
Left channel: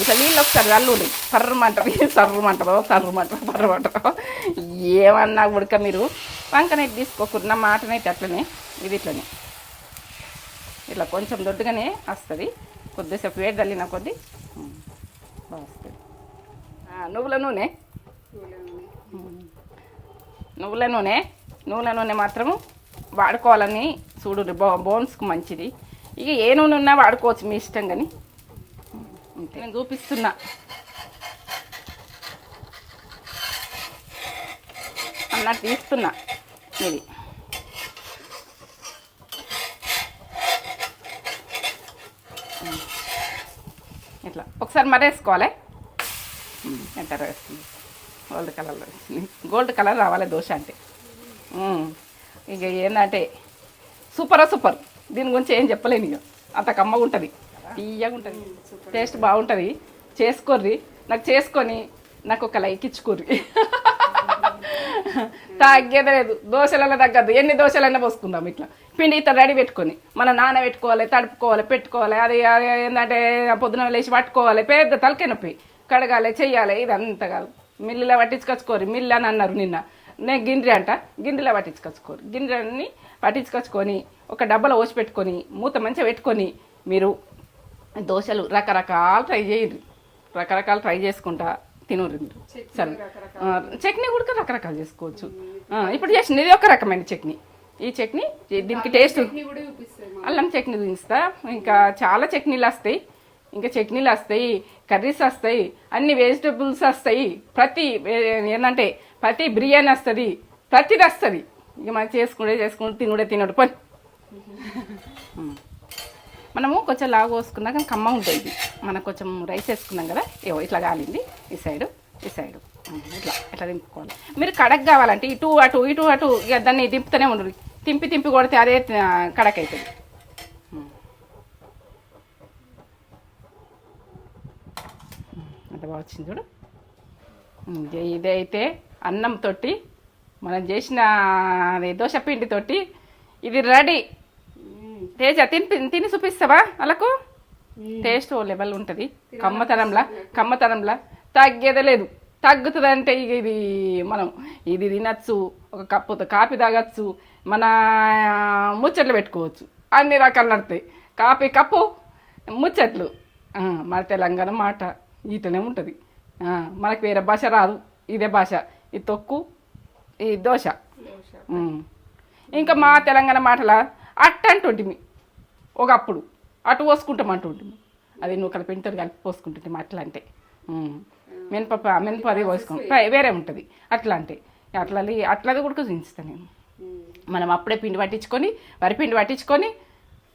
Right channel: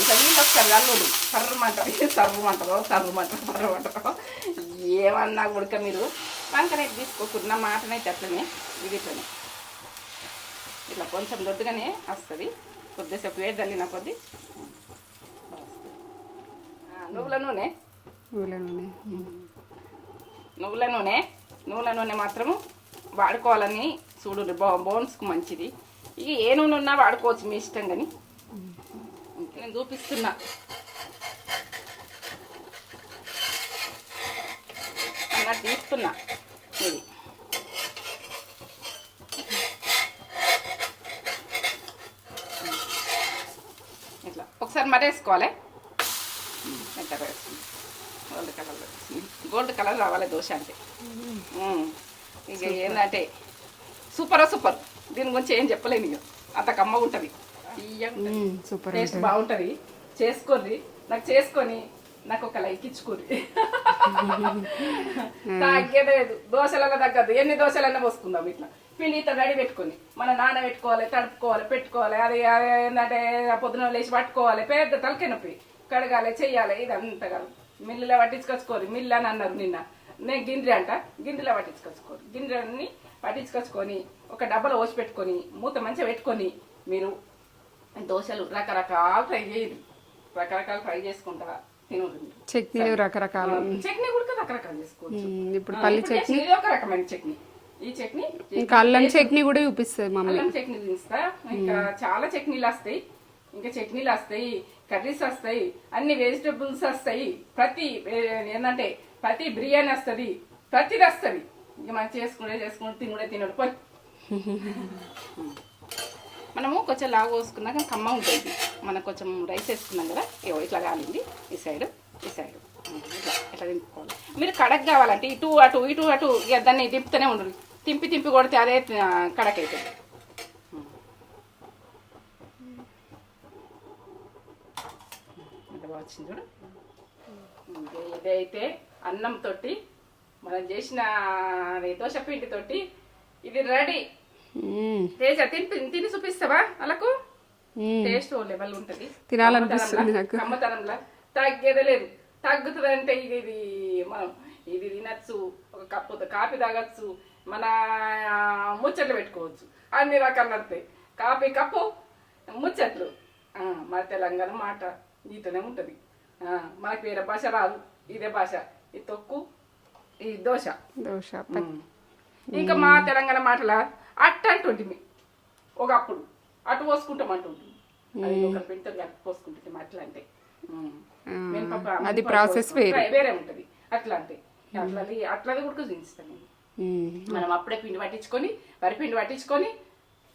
ఇట్లా నీళ్ళు ఒకసారి చల్లుండి సర్రమంటారు, సర్రమంటారు. ఏమన్నా ఉడక మీరు వంకనైతే తీసుకోకుండా మాటనైతే అట్లనే, ఇది ఇట్లనే ఇట్లా కొంచెం దొడ్డుగానే వస్తుంది. కొద్దిసేపు వేడి చల్లిన కొద్ది వస్తుంది. నువ్వుల నూనె మాత్రము వాడుకోవాలని చూడు, బోన్స్కు మంచిది. ఇక ఏ నూనె ఉన్నా వాడుకోవచ్చు, మీ ఇష్టం. కానీ నేను చూపిస్తున్నా. అన్నట్టు తీస్తున్నా ఇది. ఇట్లా ఒకసారి మరేసుకోవాలి. ఎంత వేస్తుంది గోల్డ్ కలర్ రావాలి దోశ అంటే. ఇక ఏంటంటే సూపర్. దీని గురించి ఏం చెప్పలేను. ఇక అంత కమ్మగా ఉంటుంది, తీయగా ఉంటుంది, టేస్ట్ బాగుంటుంది. చేసుకోర్రి. నాకు చేసుకొని నాకు ఒక లైక్ ఇచ్చుకోర్రి. తగ్గేదే లేదు, దోశలలో తగ్గద్దు. ఎన్ని దోశలైనా పోసుకుందాం. ఇట్లా పిండి ఇట్లా రెడీ పెట్టుకొని మనం నానబెట్టుకోవాలి, తడుపుకోవాలి, పెట్టుకోవాలి. అది ఏంటంటే పొద్దున లేచి పట్టుకోవాలి, పెద్ద తలకాయ నొప్పి. కడగాలి, చెయ్యాలి. ఇదంతా కాదు. మిల్లులో పట్టించుకొచ్చుకోరు. మిల్లు అని అన్నారు నిన్న. నేను గిండ్రి అంట, గిండ్రిలో పట్టించుకొచ్చుకోరు. గిండ్రని పట్టించుకొచ్చుకొని ఒక డబ్బాలో పోసి పెట్టుకొని మూత మంచిగా పెట్టుకొని మీరు దోశలు రకరకాలు ట్రై చేయండి. రకరకాలు ట్రై చేసుకుంటా తినరు. మీరు చట్నీ కూడా రకరకాలు చేసుకోవచ్చు. ఇప్పుడు చేసిన ఇది ఒక రకమైన చట్నీ. ఈ చట్నీ చట్నీ కూడా చూపిస్తుంది, అల్లం చట్నీ చూపిస్తా. ఇంకా చాలా చట్నీలు వస్తాయి, ఇంకా చట్నీలు వస్తాయి, కర్రీస్ వస్తాయి, అన్ని వెజిటబుల్స్ వస్తాయి. ఏంటంటే ప్రతి బిర్యానీ వస్తుంది, ప్రతిది వస్తుంది. ఇక మనం చేసుకుంటే తినడు పని. మనము కొంచెం లాగా పోసుకున్నా కానీ కమ్మ ఉంటుంది. మనం కొంచెం రైస్ వేసుకున్నాం కదా, ఇట్లా కాలింది. ఈ సైడు ఇట్లా దింపుకోవాలి. మీరు కడక్ కావాలంటే ఇటు అటు ఇక దాన్ని దింపుతూనే ఉండరు. తింపి కొడితే అదే కడక్ అవుతుంది. అంత బాగా వచ్చింది చూడు. ఇదైతే అన్నంతో మనం చేసిన దోశ పిండితోటి ఇది రెడీ. తేజ తిని చూపిస్తావా? వాళ్ళకు టేస్ట్ లెవెల్ ఉంటుంది. కమ్మతనంలా తగ్గేదే లేదు. తగ్గుతుంది అంటే ఇక ఇది మనం ఇది తినచ్చు, ఒక కప్పుతో కాఫీ తాగచ్చు, మన ముచ్చట్లు పెట్టుకోవచ్చు, అన్ని రకాలు నడుతాయి. కాఫీ కప్పు, ముచ్చట్లు. మన తెలంగాణ మాట ఈతనే ఉంటుంది. మనకు వేరే భాష రాదు, ఇదే భాష. ఈ తొక్కు, ఈ దోశ. ఇంకా మా తెలంగాణ మాటల అట్ట అంటుంటిమి. ఒకప్పుడు అటు పోసుకుంటాం అంటుంటిమి. అది నువ్వు పిండితో కలిపి పోసుకుంటుంది అట్లా. అంటే మినపప్పు వేరే ఉంటుంది. అట్లా అంటే అట్లది కూడా చూపిస్తాను నేను. మనం అప్పుడే పిండి పట్టించుకొని, వరిపిండి పట్టించుకొని,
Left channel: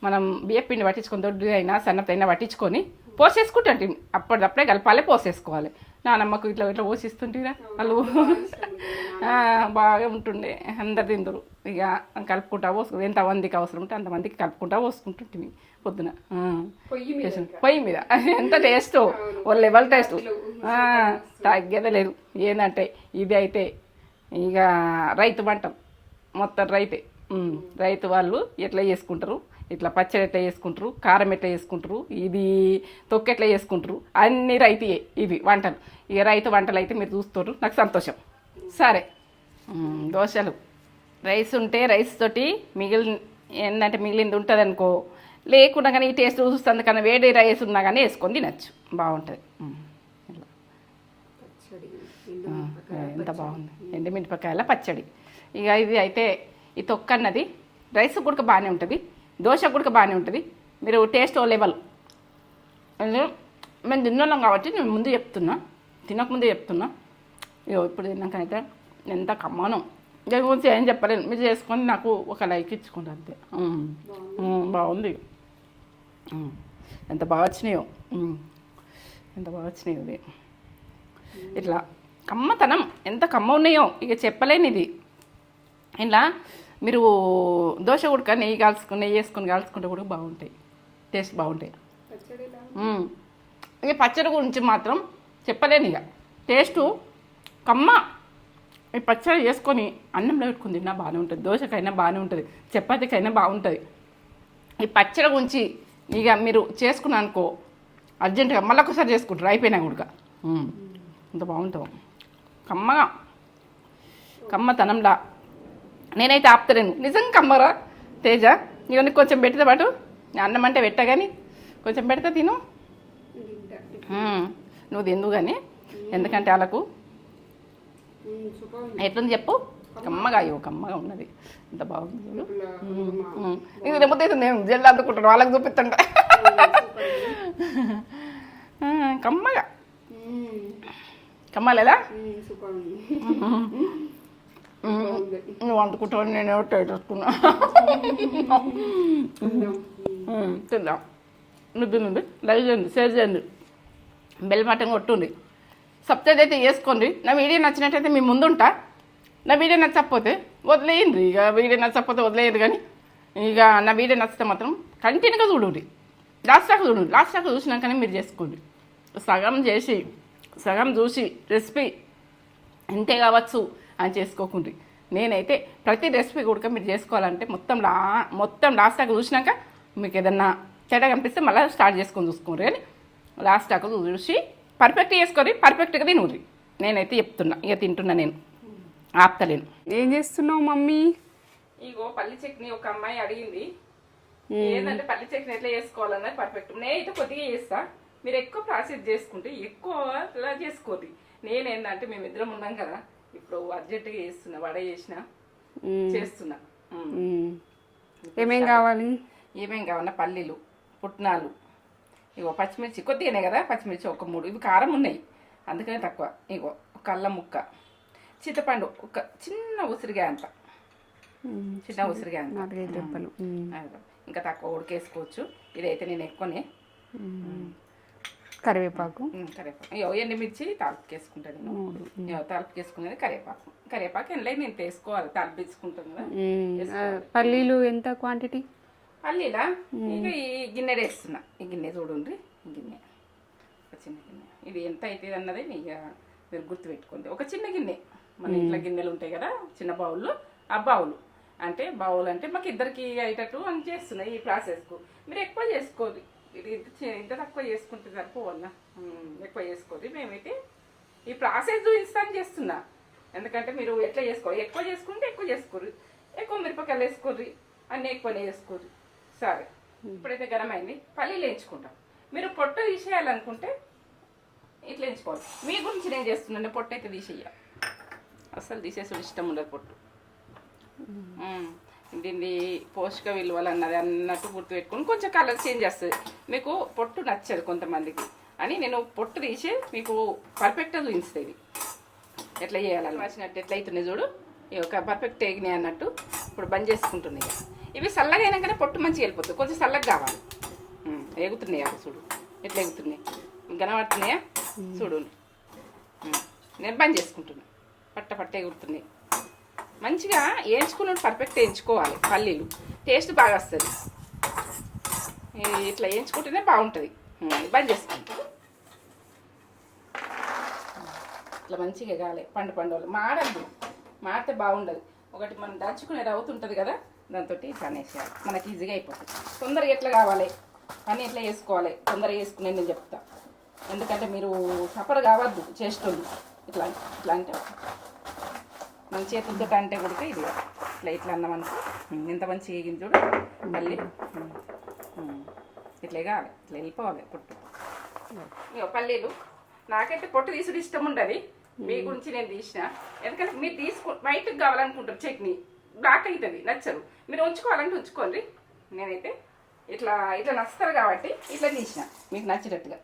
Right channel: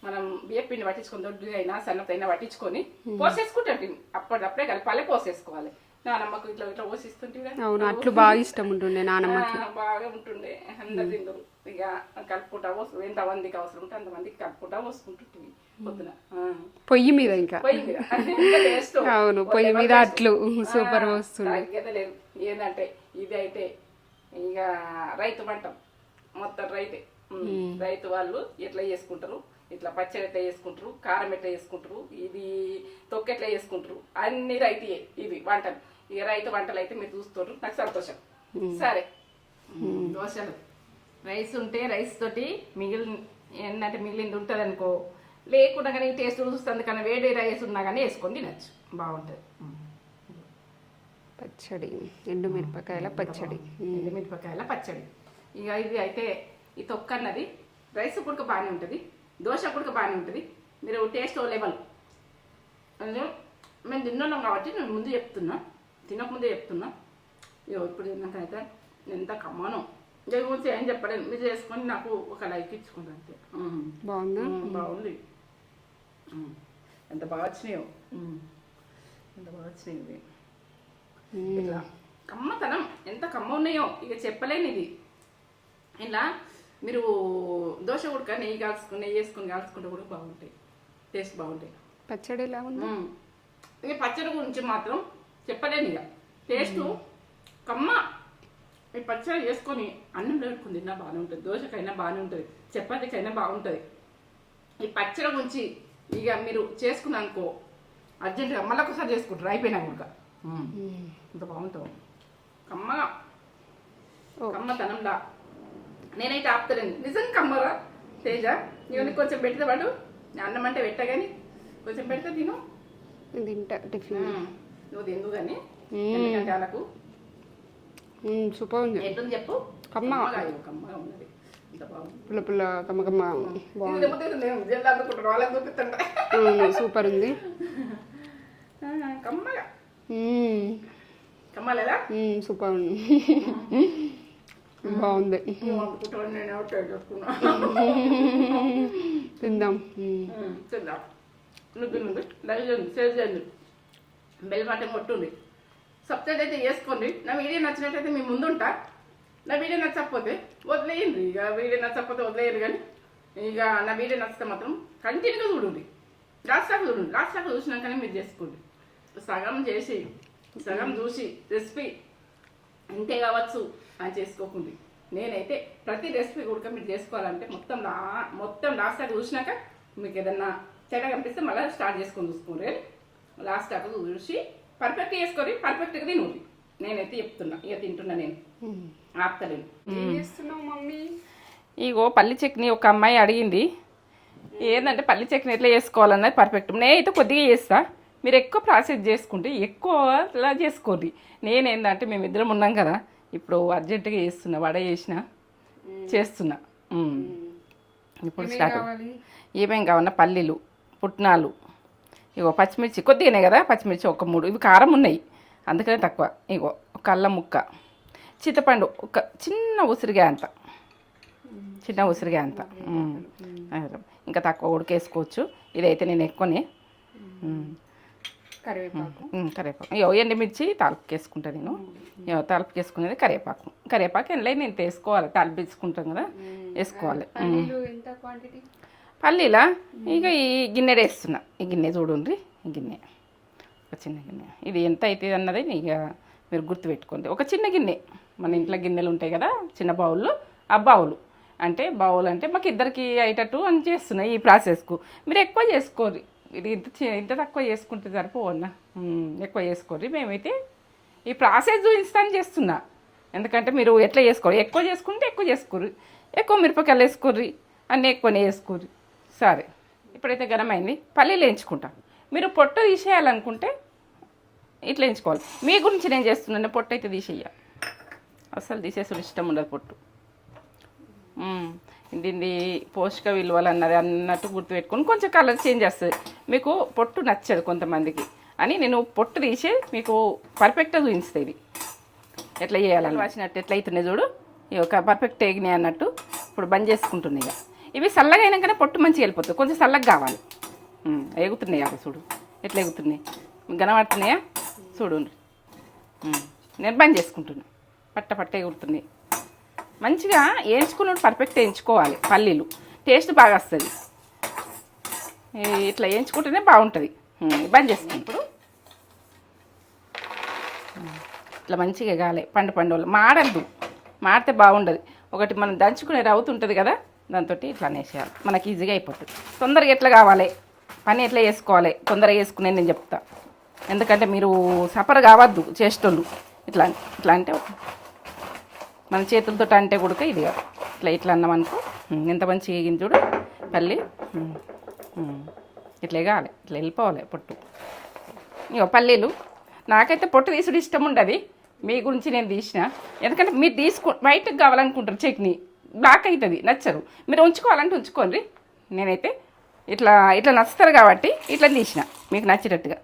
మనం బియ్య పిండి పట్టించుకొని, దొడ్డు అయినా సన్నతైనా పట్టించుకొని పోసేసుకుంటాం. అప్పుడప్పుడే కలపాలి, పోసేసుకోవాలి. నానమ్మకు ఇట్లా పోసిస్తుంటే బాగా ఇష్టం ఉంటుండే, బాగా ఉంటుండే. అందరు తిందరు. ఇక కలుపుకుంటా పోసుకుంటు, ఎంతమందికి అవసరం ఉంటే అంతమందికి కలుపుకుంటా పోసుకుంటుంటుంది పొద్దున పొయ్యి మీద. ఎంత టేస్ట్ తగ్గేదే లేదు. ఏంటంటే ఇది అయితే ఇక రైతు వంటం మొత్తం రైతే. రైతు వాళ్ళు ఎట్లా చేసుకుంటారు, ఇట్లా పచ్చడి ఎట్లా చేసుకుంటారు, కారం ఎట్లా చేసుకుంటారు, ఇది తొక్కు ఎట్లా చేసుకుంటారు, అన్ని రైతుయే ఇవి వంటలు. ఇక రైతు వంటలు అయితే మీరు చూస్తారు, నాకు సంతోషం. సరే దోశలు రైస్ ఉంటే రైస్ తోటి మిగిలింది ఉంటుంది అనుకో, లేకుండా కానీ టేస్ట్ చూస్తుంది కానీ వేడి రైస్ ఉన్నా కానీ వేసుకొని తినచ్చు, బాగుంటుంది. పచ్చడి ఎండుమిరపకాయల పచ్చడి. ఎండుమిరపకాయల పచ్చడి. ఇక ఇది అయితే ఈ తొక్క అన్నది రైస్ కూడా బాగానే ఉంటుంది, దోశ కూడా బాగానే ఉంటుంది. మీరు టేస్ట్ లెవెల్ మేము తిన్నాం కాబట్టి నేను ముందు చెప్తున్నా, తినకముందు చెప్తున్నా. ఇగో ఇప్పుడు తిన్నాకైతే ఎంత కమ్మాను, దీని గురించి ఏం చెప్పలేను. మీరు చేసుకొని నాకు ఒక లైక్ ఇచ్చుకోండి అంతే. బాగుంది, ఎంత బాగా వచ్చినాయో, ఎంత బాగా వచ్చినాయో ఇది. ఇట్లా కమ్మతనం ఎంత కమ్మ ఉన్నాయో ఇక చెప్పలేని ఇది. ఇలా మీరు దోశ ఉడక నెయ్యి వేసుకొని కాల్చుకుంటే కూడా బాగుంటాయి, టేస్ట్ బాగుంటాయి. పచ్చడి ఎలా ఇక పచ్చడి గురించి మాత్రం చెప్పలేను. ఇక టేస్టు కమ్మ. ఈ పచ్చడి చేసుకొని అన్నంలో పెట్టుకుని తిన్నా బాగానే ఉంటుంది, దోశకైనా బాగానే ఉంటుంది, చపాతీకైనా బాగుంటుంది. ఈ పచ్చడి గురించి ఇక మీరు చేసుకున్నా అనుకో అర్జెంటుగా మళ్ళీ ఒకసారి చేసుకుంటారు అయిపోయినా కూడా అంత బాగుంటుంది. కమ్మగా కమ్మతనంలా నేనైతే ఆపుతలేను, నిజంగా కమ్మరా తేజ. ఇవన్నీ కొంచెం పెట్టితే పాటు అన్నం అంటే పెట్ట కానీ కొంచెం పెడితే తిను, నువ్వు తిందు కానీ. ఎందుకంటే వాళ్ళకు సూపర్ ఉంది. ఎట్లని చెప్పు, కమ్మగా అయ్యో కమ్మగా ఉన్నది, ఎంత బాగుంది. ఇది లేకపోతే నేను జల్లు అందుకుంటాను, వాళ్ళకి చూపిస్తుంటా. సూపర్ ఉంది, కమ్మగా కమ్మలేదా? సూపర్ ఉంది, బాగుంది. నువ్వు అందుకుంటావు, నేను ఎవరు టైట్ వేసుకున్నా. తిందాం తిందాం. నువ్వు తినండి, లైక్ చేయండి, షేర్ చేయండి, బెల్ బటన్ కొట్టుండి, సబ్స్క్రైబ్ అయితే చేసుకోండి. నా వీడియో నచ్చినట్టయితే మీ ముందుంటా. నా వీడియో నచ్చకపోతే వదిలేయండి, ఇక వీడియో నచ్చకపోతే వదిలేయరు. కానీ ఇక నా వీడియో నచ్చితే మాత్రం కంటిన్యూగా చూడండి, లాస్ట్ దాకా చూడండి. లాస్ట్ దాకా చూసినాకనే మీరు చేసుకోండి. సగం చూసి రెసిపీ ఇంతే కావచ్చు అని చేసుకోకండి. నేనైతే ప్రతి రెసిపీ కూడా మీరు చేసుకోవాలంటే మొత్తం లాస్ట్ దాకా చూసినాక మీకు ఏదన్నా చెడ్డ కనిపిస్తే మళ్ళీ స్టార్ట్ చేసుకొని చూసుకోండి. కానీ లాస్ట్ దాకా చూసి పర్ఫెక్ట్ చేసుకొని పర్ఫెక్ట్గా తినూరి. నేనైతే చెప్తున్నా, ఇక తింటున్నా, నేను ఆపుతలేను. ఏం చేస్తున్నావు మమ్మీ? ఇగో పల్లి చట్నీ ఒక అమ్మాయి అడిగింది, ఏంటంటే పల్లి చట్నీ ఎట్లా చేసుకోవాలన్నది పర్ఫెక్ట్. నేనైతే కొద్దిగా చేస్తా, మీరు ఎక్కువ ప్రాసెస్ చేసుకుంటే ఎక్కువ ఇలా చేసుకోండి. నేనేంటంటే మేమిద్దరం ఉన్నాం కదా, ఇప్పుడు అర్జెంటుగా చేస్తున్నా, వడ చేస్తున్నా. ఏమేం కావాలి? ఏమేం కావాలన్నా పల్లీలు, పుట్నాలు, ఇగో పచ్చిమిర్చి కొద్దిగానే కదా, పచ్చిమిర్చి ఒక 3, ఇవి కారం ఉన్నాయి అందుకనే తక్కువ. ఇగో ఒక అల్లం ముక్క, చింతపండు ఒక చిన్న ఉసిరిగాయ అంత, చిన్న ఉసిరిగాయ అంత, ఇంకా తక్కువ ఉడికేసుకోవచ్చు. ఇదైతే నేను ఎక్కువనే. కరివేపాకు ఇగో ఎండుమిర్చి తాలింపుకి వేసుకుంటా నేను. తాలింపుకి వేసుకునేది కరివేపాకు ఎండ్లై నేను వేసుకోవాలి, తాలింపు వేసుకుంటాం కదా, వేసుకోవాలి. పల్లీలు ఎంత క్వాంటిటీ? పల్లీలా ఇక ఈ గిన్నె వేస్తున్నా. ఈ గిన్నె చూడండి, ఈ గిన్నె ఒక చిన్న గిన్నె. ఇది ఎంత అవుతుంది అన్నది ఇక మీరు గుర్తుపెట్టుకోండి. ఒక చిన్న గిన్నె, మన ఇంట్లో గిన్నెలు ఉంటాయి కదా చిన్న బౌల్లో, ఆ బౌల్ అంటే మాకు ఇద్దరికి అయ్యేటట్టు అని చేస్తున్నాయి. ఈ ప్రాసెస్కు మీరు ఎక్కువ చేసుకోరు, ఇది ఇంత తక్కువ చేసుకుంటే సరిపోవన్నా, ఎక్కువ చేసుకోరు. మేమైతే ఈ ప్రాసెస్ చూపిస్తాను చేస్తున్నా, ఎందుకంటే మీరు ఎట్లా చేసుకోరు, ఎక్కువ చేసుకుంటే ఎక్కువ చేసుకోరు, ఎక్కువ మిరపకాయలు వేసుకోర్రి, అన్నీ ఎక్కువనే వేసుకోరు. సరే, ఇప్పుడైతే గరమైంది, పల్లీలు వేయించుకుంటాం. మీరు పొట్టు తీసేయాలనుకుంటే ఇట్లా వేయించుకోవాలి. మీ గురించి నేను చేస్తున్నాను, పొట్టు అయితే తీసేయ, అసలు తీసేసి ఇష్టం ఉండదు పొట్టు. దీన్ని పోషక విలువలు అన్నట్టు గుర్తుపెట్టుకొని కొంచెం కలర్ చేంజ్ చేస్తుంది. మీకు పొట్టు నచ్చదు కొంతమందికి అని నేను పొట్టు తీసే మీకు పర్ఫెక్ట్గా చూపిస్తాయి. ఇది ఎట్లా చేయాలని వాసినట్టు ఎట్లా అవుతున్నాయి చూడు, ఇక ఒక పర్ఫెక్ట్ ఎగినాయి అన్నట్టు. ఇప్పుడు బంద్ చేసుకుంటున్నాయి. ఇవి చల్లగా అయినాకనే పొట్టు మంచిగా వెళ్ళిపోతుంది, కొంచెం చల్లగా కావాలి. ఎగుతున్నాయి అవి చూడు, ఎట్లా ఎగుతున్నాయి, గనబడుతున్నాయా చూడు. నేను బంద్ చేసుకుంటున్నా, పట్ట ఎగురుతున్నాయి. మంచిగా వేయించుకున్న పర్ఫెక్ట్ వేయించుకోవాలి. పల్లీలు టేస్ట్ బాగా వస్తుంది, ఇట్లా వేయించుకుంటేనే బాగుంటుంది. బంద్ చేసుకుంటూ ఇట్లా మంచిగా కాలే, పండు మాడద్దు, మాడితే బాగుండదు. ఒకటి మనం దంచుకునే రవ్వుతు ఉంటుంది కదా, దాంతో ఇట్లా అనేసేయాలి, మనకి ఈజీగా అయిపోతుంది. తొందరగా ఎట్లా కావాలి, పని ఎట్లా చేసుకోవాలి, తొందరగా చేసుకునే నేను చెప్తా. ఎందుకంటే మీరు సఫర్ కావద్దు చేసేటోళ్ళు. ఇట్లా అంటే మన చేతులతో అంటే కూడా ఇది కాదు. ఇట్లా ఇట్లా అన్నామనుకో ఎంత మంచి వేగింది చూడు పల్లి. ఇట్లా కావాలి, ఇట్లా వెళ్ళిపోవాలి పొట్టు. ఇగో పల్లీలు నాకైతే పొట్టు తీసుడు ఇష్టం ఉండదు. మీ గురించి నేను తీసిన, ఎందుకంటే మీరు వైట్కి కావాలనుకుంటారు చట్నీ, బ్లాక్ అవుతుంది, నచ్చరు. మీరు ఉంచుకోవాలంటే ఉంచుకోండి. నేనైతే ఇట్లా ఇట్లా నచ్చుతారు కాబట్టి ఇట్లా తీసిన మీకు నచ్చినట్టుగా.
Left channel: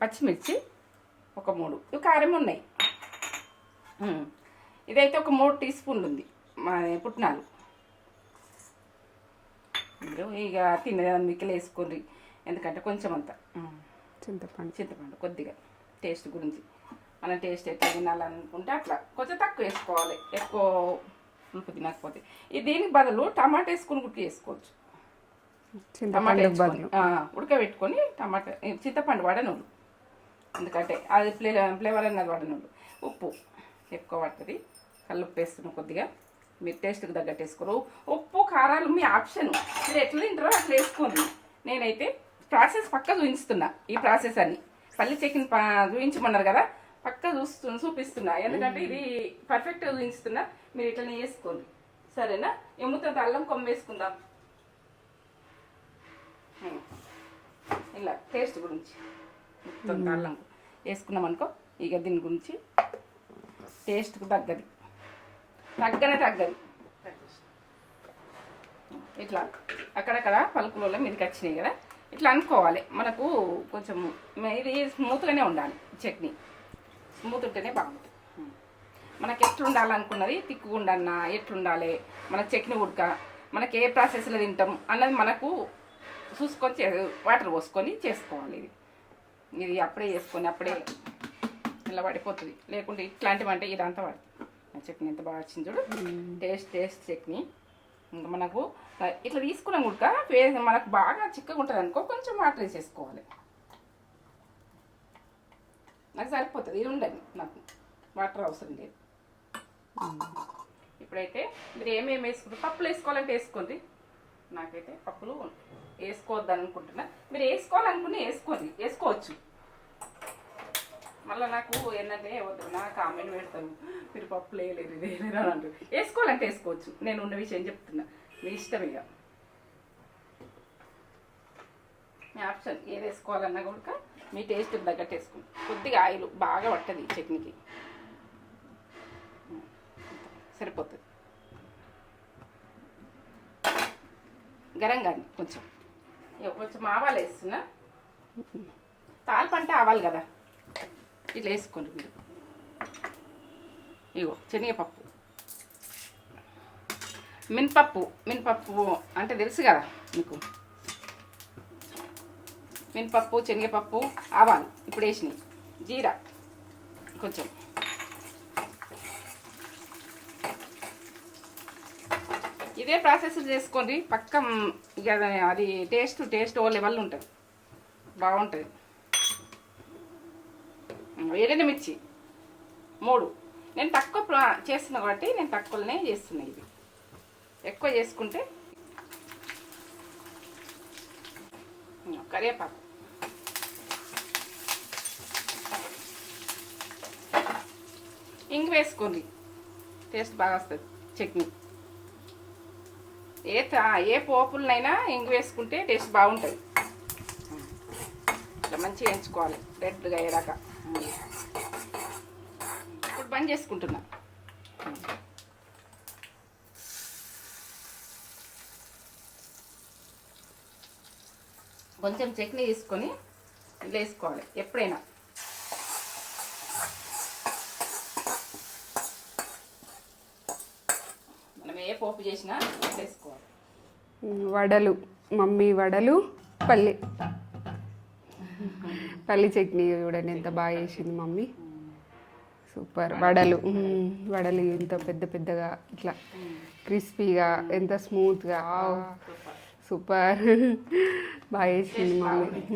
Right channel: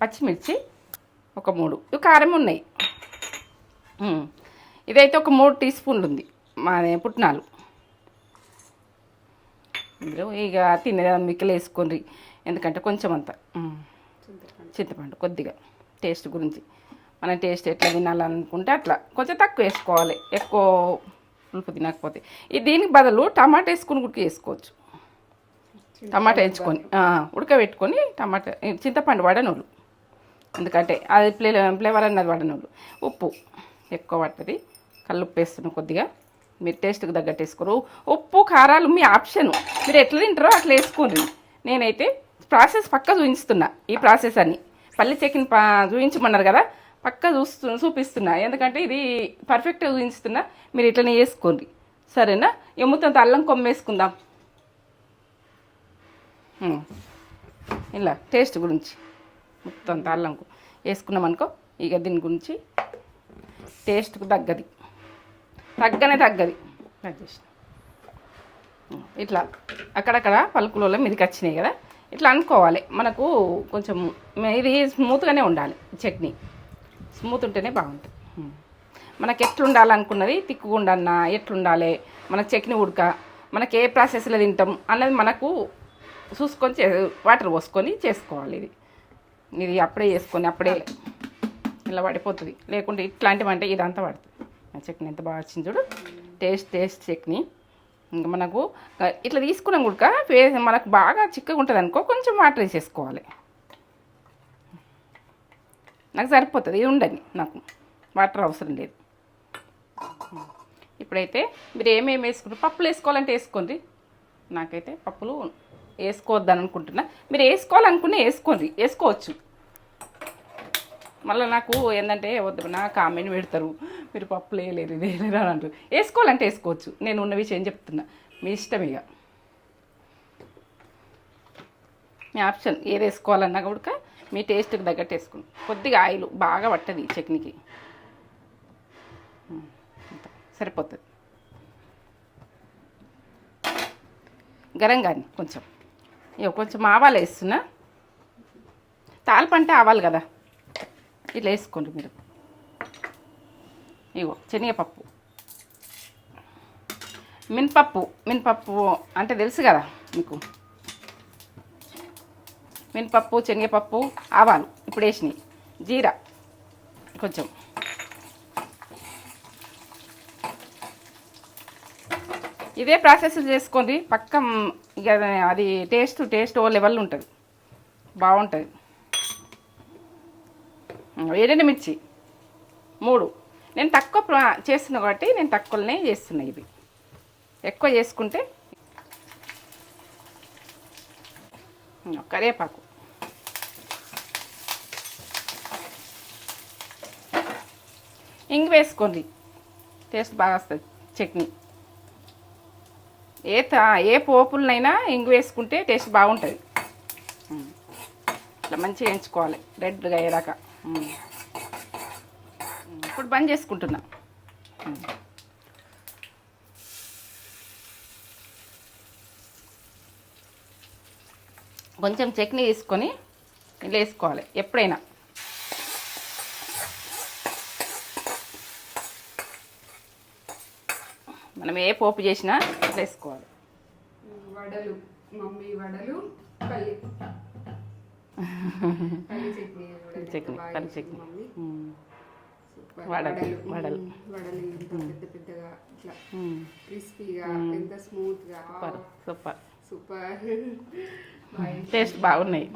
పచ్చిమిర్చి ఒక 3, ఇవి కారం ఉన్నాయి. ఇదైతే ఒక 3 టీ స్పూన్లు ఉంది మా పుట్నాలు. మీరు ఇక తినే మిక్కలు వేసుకోండి, ఎందుకంటే కొంచెం అంత చింతపండు కొద్దిగా టేస్ట్ గురించి. మనం టేస్ట్ ఎట్లా తినాలనుకుంటే అట్లా కొంచెం తక్కువ వేసుకోవాలి, ఎక్కువ పులుపు తినకపోతే. దీనికి బదులు టమాటా వేసుకుని గుడ్కి వేసుకోవచ్చు. టమాటా వేసుకొని ఉడకబెట్టుకొని టమాటా చింతపండు వడనోళ్ళు, ఎందుకంటే అది ఫ్లేవర్ అన్నది వడనోళ్ళు. ఉప్పు ఎక్కువ పడుతుంది, కల్లుప్పు వేస్తున్నాం కొద్దిగా, మీరు టేస్ట్కి తగ్గట్టు వేసుకోరు. ఉప్పు కారాలు మీ ఆప్షను, మీరు ఎట్లా తింటారో అట్లా వేసుకోండి. నేనైతే ప్రాసెస్ పక్క చూపిస్తున్నా, ఈ ప్రాసెస్ అన్ని పల్లి చట్నీ చూపించమన్నారు కదా, పక్క చూపిస్తున్నా, ఎందుకంటే ఇది పర్ఫెక్ట్గా చూపిస్తున్నా. మీరు ఇట్లనే వేసుకోండి, సరేనా? ఎమ్ముతంత అల్లం కొమ్మ వేసుకుందాం ఇలా టేస్ట్ గురించి. మొత్తం అల్లం వేసుకున్నాం అనుకో, ఇక దీని గురించి టేస్ట్కు తగ్గది ఇట్లా అక్కడక్కడ పలుకులలో మీదకి వచ్చినాయి కదా, ఇట్లా అనుకోవాలి. మనకు కొంచెం ఇది స్మూత్గానే ఉండాలి, చట్నీ స్మూత్ ఉంటేనే బాగుంటుంది. మనకి ఎట్లుండాలనుకున్నది, తిక్కుగా ఉండన్నా ఎట్లుండాలి, మనకు చట్నీ ఉడక, మనకి ఏ ప్రాసెస్లో తింటాం అన్నది మనకు చూసుకొని వాటర్ పోసుకొని చేసుకోవాలి. ఇది అప్పుడే చేసుకొని అప్పుడే ఇలా పడిపోతుంది, లేకుంటే ఇట్లాంటివి అంటే ఇదంతా పడుతుంది. చట్నీ ఎంత బాగా వచ్చింది చూడు, టేస్ట్ చట్నీ. ఇంకా మనకు ఇట్లా తీసుకున్నాం కూడా మనకు బాగా చిక్కగా ఉంటుంది అనుకో, కొంచెం వాటర్ వేసేసుకోవాలి. నాకు సరిపోతుంది, ఇది ఉండని, నాకు వాటర్ అవసరం లేదు. ఇప్పుడైతే మీరు ఏమేమి వేసుకుంటారు, పప్పులు వేసుకోవాలంటే వేసుకోండి. నాకైతే పప్పులు వేసుకోవద్దని అనుకుంటున్నా, మీరు వేసుకోవాలనుకునే వేసుకోవచ్చు. మళ్ళీ నాకు ఏంటంటే వద్దు, నా కామెంట్ పెడతారు, మీరు పప్పులు వేయలేరు ఇది వేయలేరు అని అంటారు. వేసుకోవాలంటే వేసుకోవచ్చు, నేను ఉన్న విషయం చెప్తున్నా, మీ ఇష్టం. ఇక మీ ఆప్షన్, ఏది వేసుకోవాలన్నా కూడా మీ టేస్ట్కి తగ్గట్టు వేసుకోండి. కొద్దిగా ఆయిల్ బాగా పట్టది చట్నీకి, సరిపోతుంది. గరం కానీ కొంచెం ఆవాలు వేస్తున్నా, తాలింపు అంటే ఆవాలు కదా, ఇట్లా వేసుకోండి మీరు. ఇగో శనగపప్పు, మినపప్పు అంటే తెలుసు కదా మీకు, మినపప్పు, శనగపప్పు, ఆవాలు ఇప్పుడు వేసినాయి, జీరా కొంచెం, ఇదే ప్రాసెస్ చేసుకోండి. పక్క అది టేస్ట్ ఓ లెవెల్ ఉంటుంది, బాగుంటుంది. ఏదైనా మిర్చి 3, నేను తక్కువ చేస్తున్నా కాబట్టి నేను తక్కువనే చేస్తున్నా. ఇది ఎక్కువ చేసుకుంటే కరివేపాకు, ఇంగు వేసుకోండి, టేస్ట్ బాగా వస్తుంది చట్నీ. ఏ పోపులనైనా ఇంగు వేసుకుంటే టేస్ట్ బాగుంటుంది. ఇట్లా మంచిగా వేయించుకోవాలి రెడ్గా అయ్యేదాకా. ఇప్పుడు బంద్ చేసుకుంటున్నా. కొంచెం చట్నీ తీసుకొని ఇలా వేసుకోవాలి ఎప్పుడైనా. మనం ఏ పోపు చేసినా ఇట్లా వేసుకోవాలి. వడలు, మమ్మీ వడలు, పల్లి చట్నీ చూడండి ఎంత బాగా చేసింది మమ్మీ, సూపర్. వడలు ఎంత పెద్దగా ఇట్లా క్రిస్పీగా, ఎంత స్మూత్గా, సూపర్ బాగా చేసి బాగున్నాయి.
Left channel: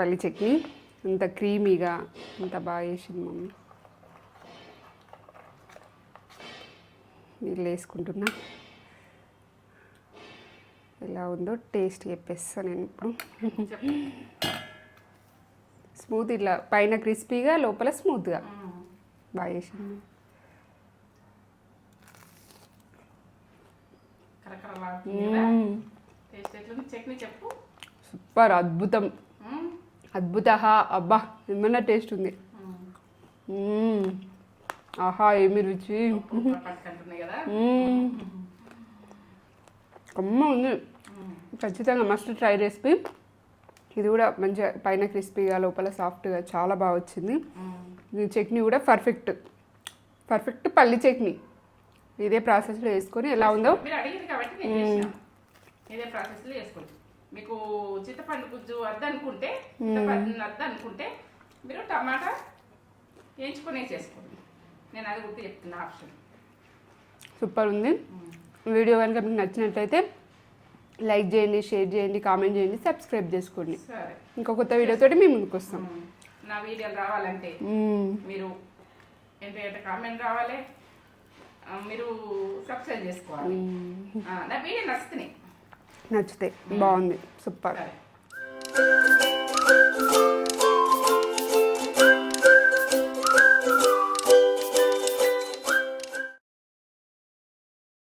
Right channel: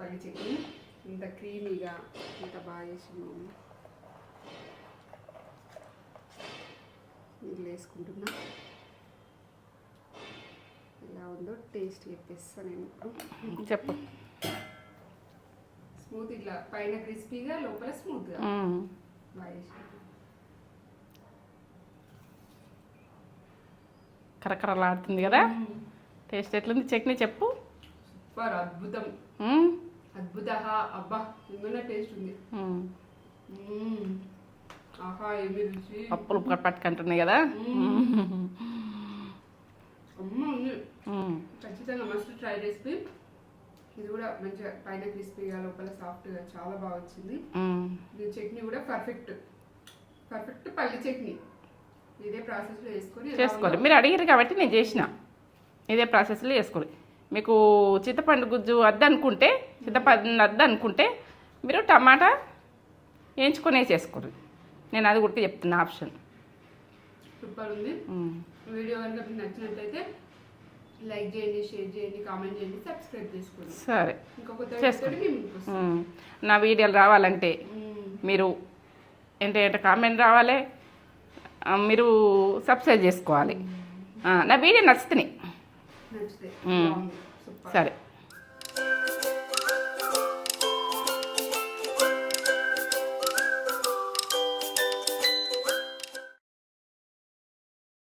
పల్లి చట్నీ ఎంత క్రీమీగా, ఎంత బాగా చేసింది మమ్మీ. నీళ్ళు వేసుకుంటున్నా, ఎలా ఉందో టేస్ట్ చెప్పేస్తా నేను ఇప్పుడు. చెప్పు. స్మూత్ ఇట్లా పైన క్రిస్పీగా లోపల స్మూత్గా మ్మ్. బాగా చేసింది. కరకరలాడుతుంది కదా టేస్ట్ ఎట్లుంది చట్నీ చెప్పు సూపర్ అద్భుతం మ్మ్. అద్భుత అబ్బా ఏమన్నా టేస్ట్ ఉంది. మ్మ్. మ్మ్. ఆహా ఏమి రుచి పప్పులు పట్టుకుంటున్నాయి కదా కమ్మ ఉంది. మ్మ్. ఖచ్చితంగా మస్ట్ ట్రై రెసిపీ. ఇది కూడా మంచిగా పైన క్రిస్పీగా లోపల సాఫ్ట్గా చాలా బాగా వచ్చింది. మ్మ్. ఈ చట్నీ కూడా పర్ఫెక్ట్ పల్లి చట్నీ. ఇదే ప్రాసెస్లో వేసుకొని ఎలా ఉందో చేసుకోండి. మీరు అడిగారు కాబట్టి నేను చేసిన ఇదే ప్రాసెస్లో చేసుకోండి. మీకు చింతపండు గుజ్జు వద్దనుకుంటే మీరు టమాటా వేయించుకొని వేసేసుకోండి. నేను అది కూడా చెప్తున్నా ఆప్షన్. సూపర్ ఉంది. వీడియో కనుక మీకు నచ్చినట్లయితే లైక్ చేయండి, షేర్ చేయండి, కామెంట్ చేయండి, సబ్స్క్రైబ్ చేసుకోండి. సరే ఇంకో కొత్త వీడియోతో మేము ముందుకు వస్తాం. నా వీడియోలు రావాలంటే మీరు ఏంటంటే కామెంట్ రావాలి, మీరు సబ్స్క్రైబ్ చేసుకోవాలి. నా వీడియో నచ్చితే నచ్చితే బాగుంది. సూపర్. సరే.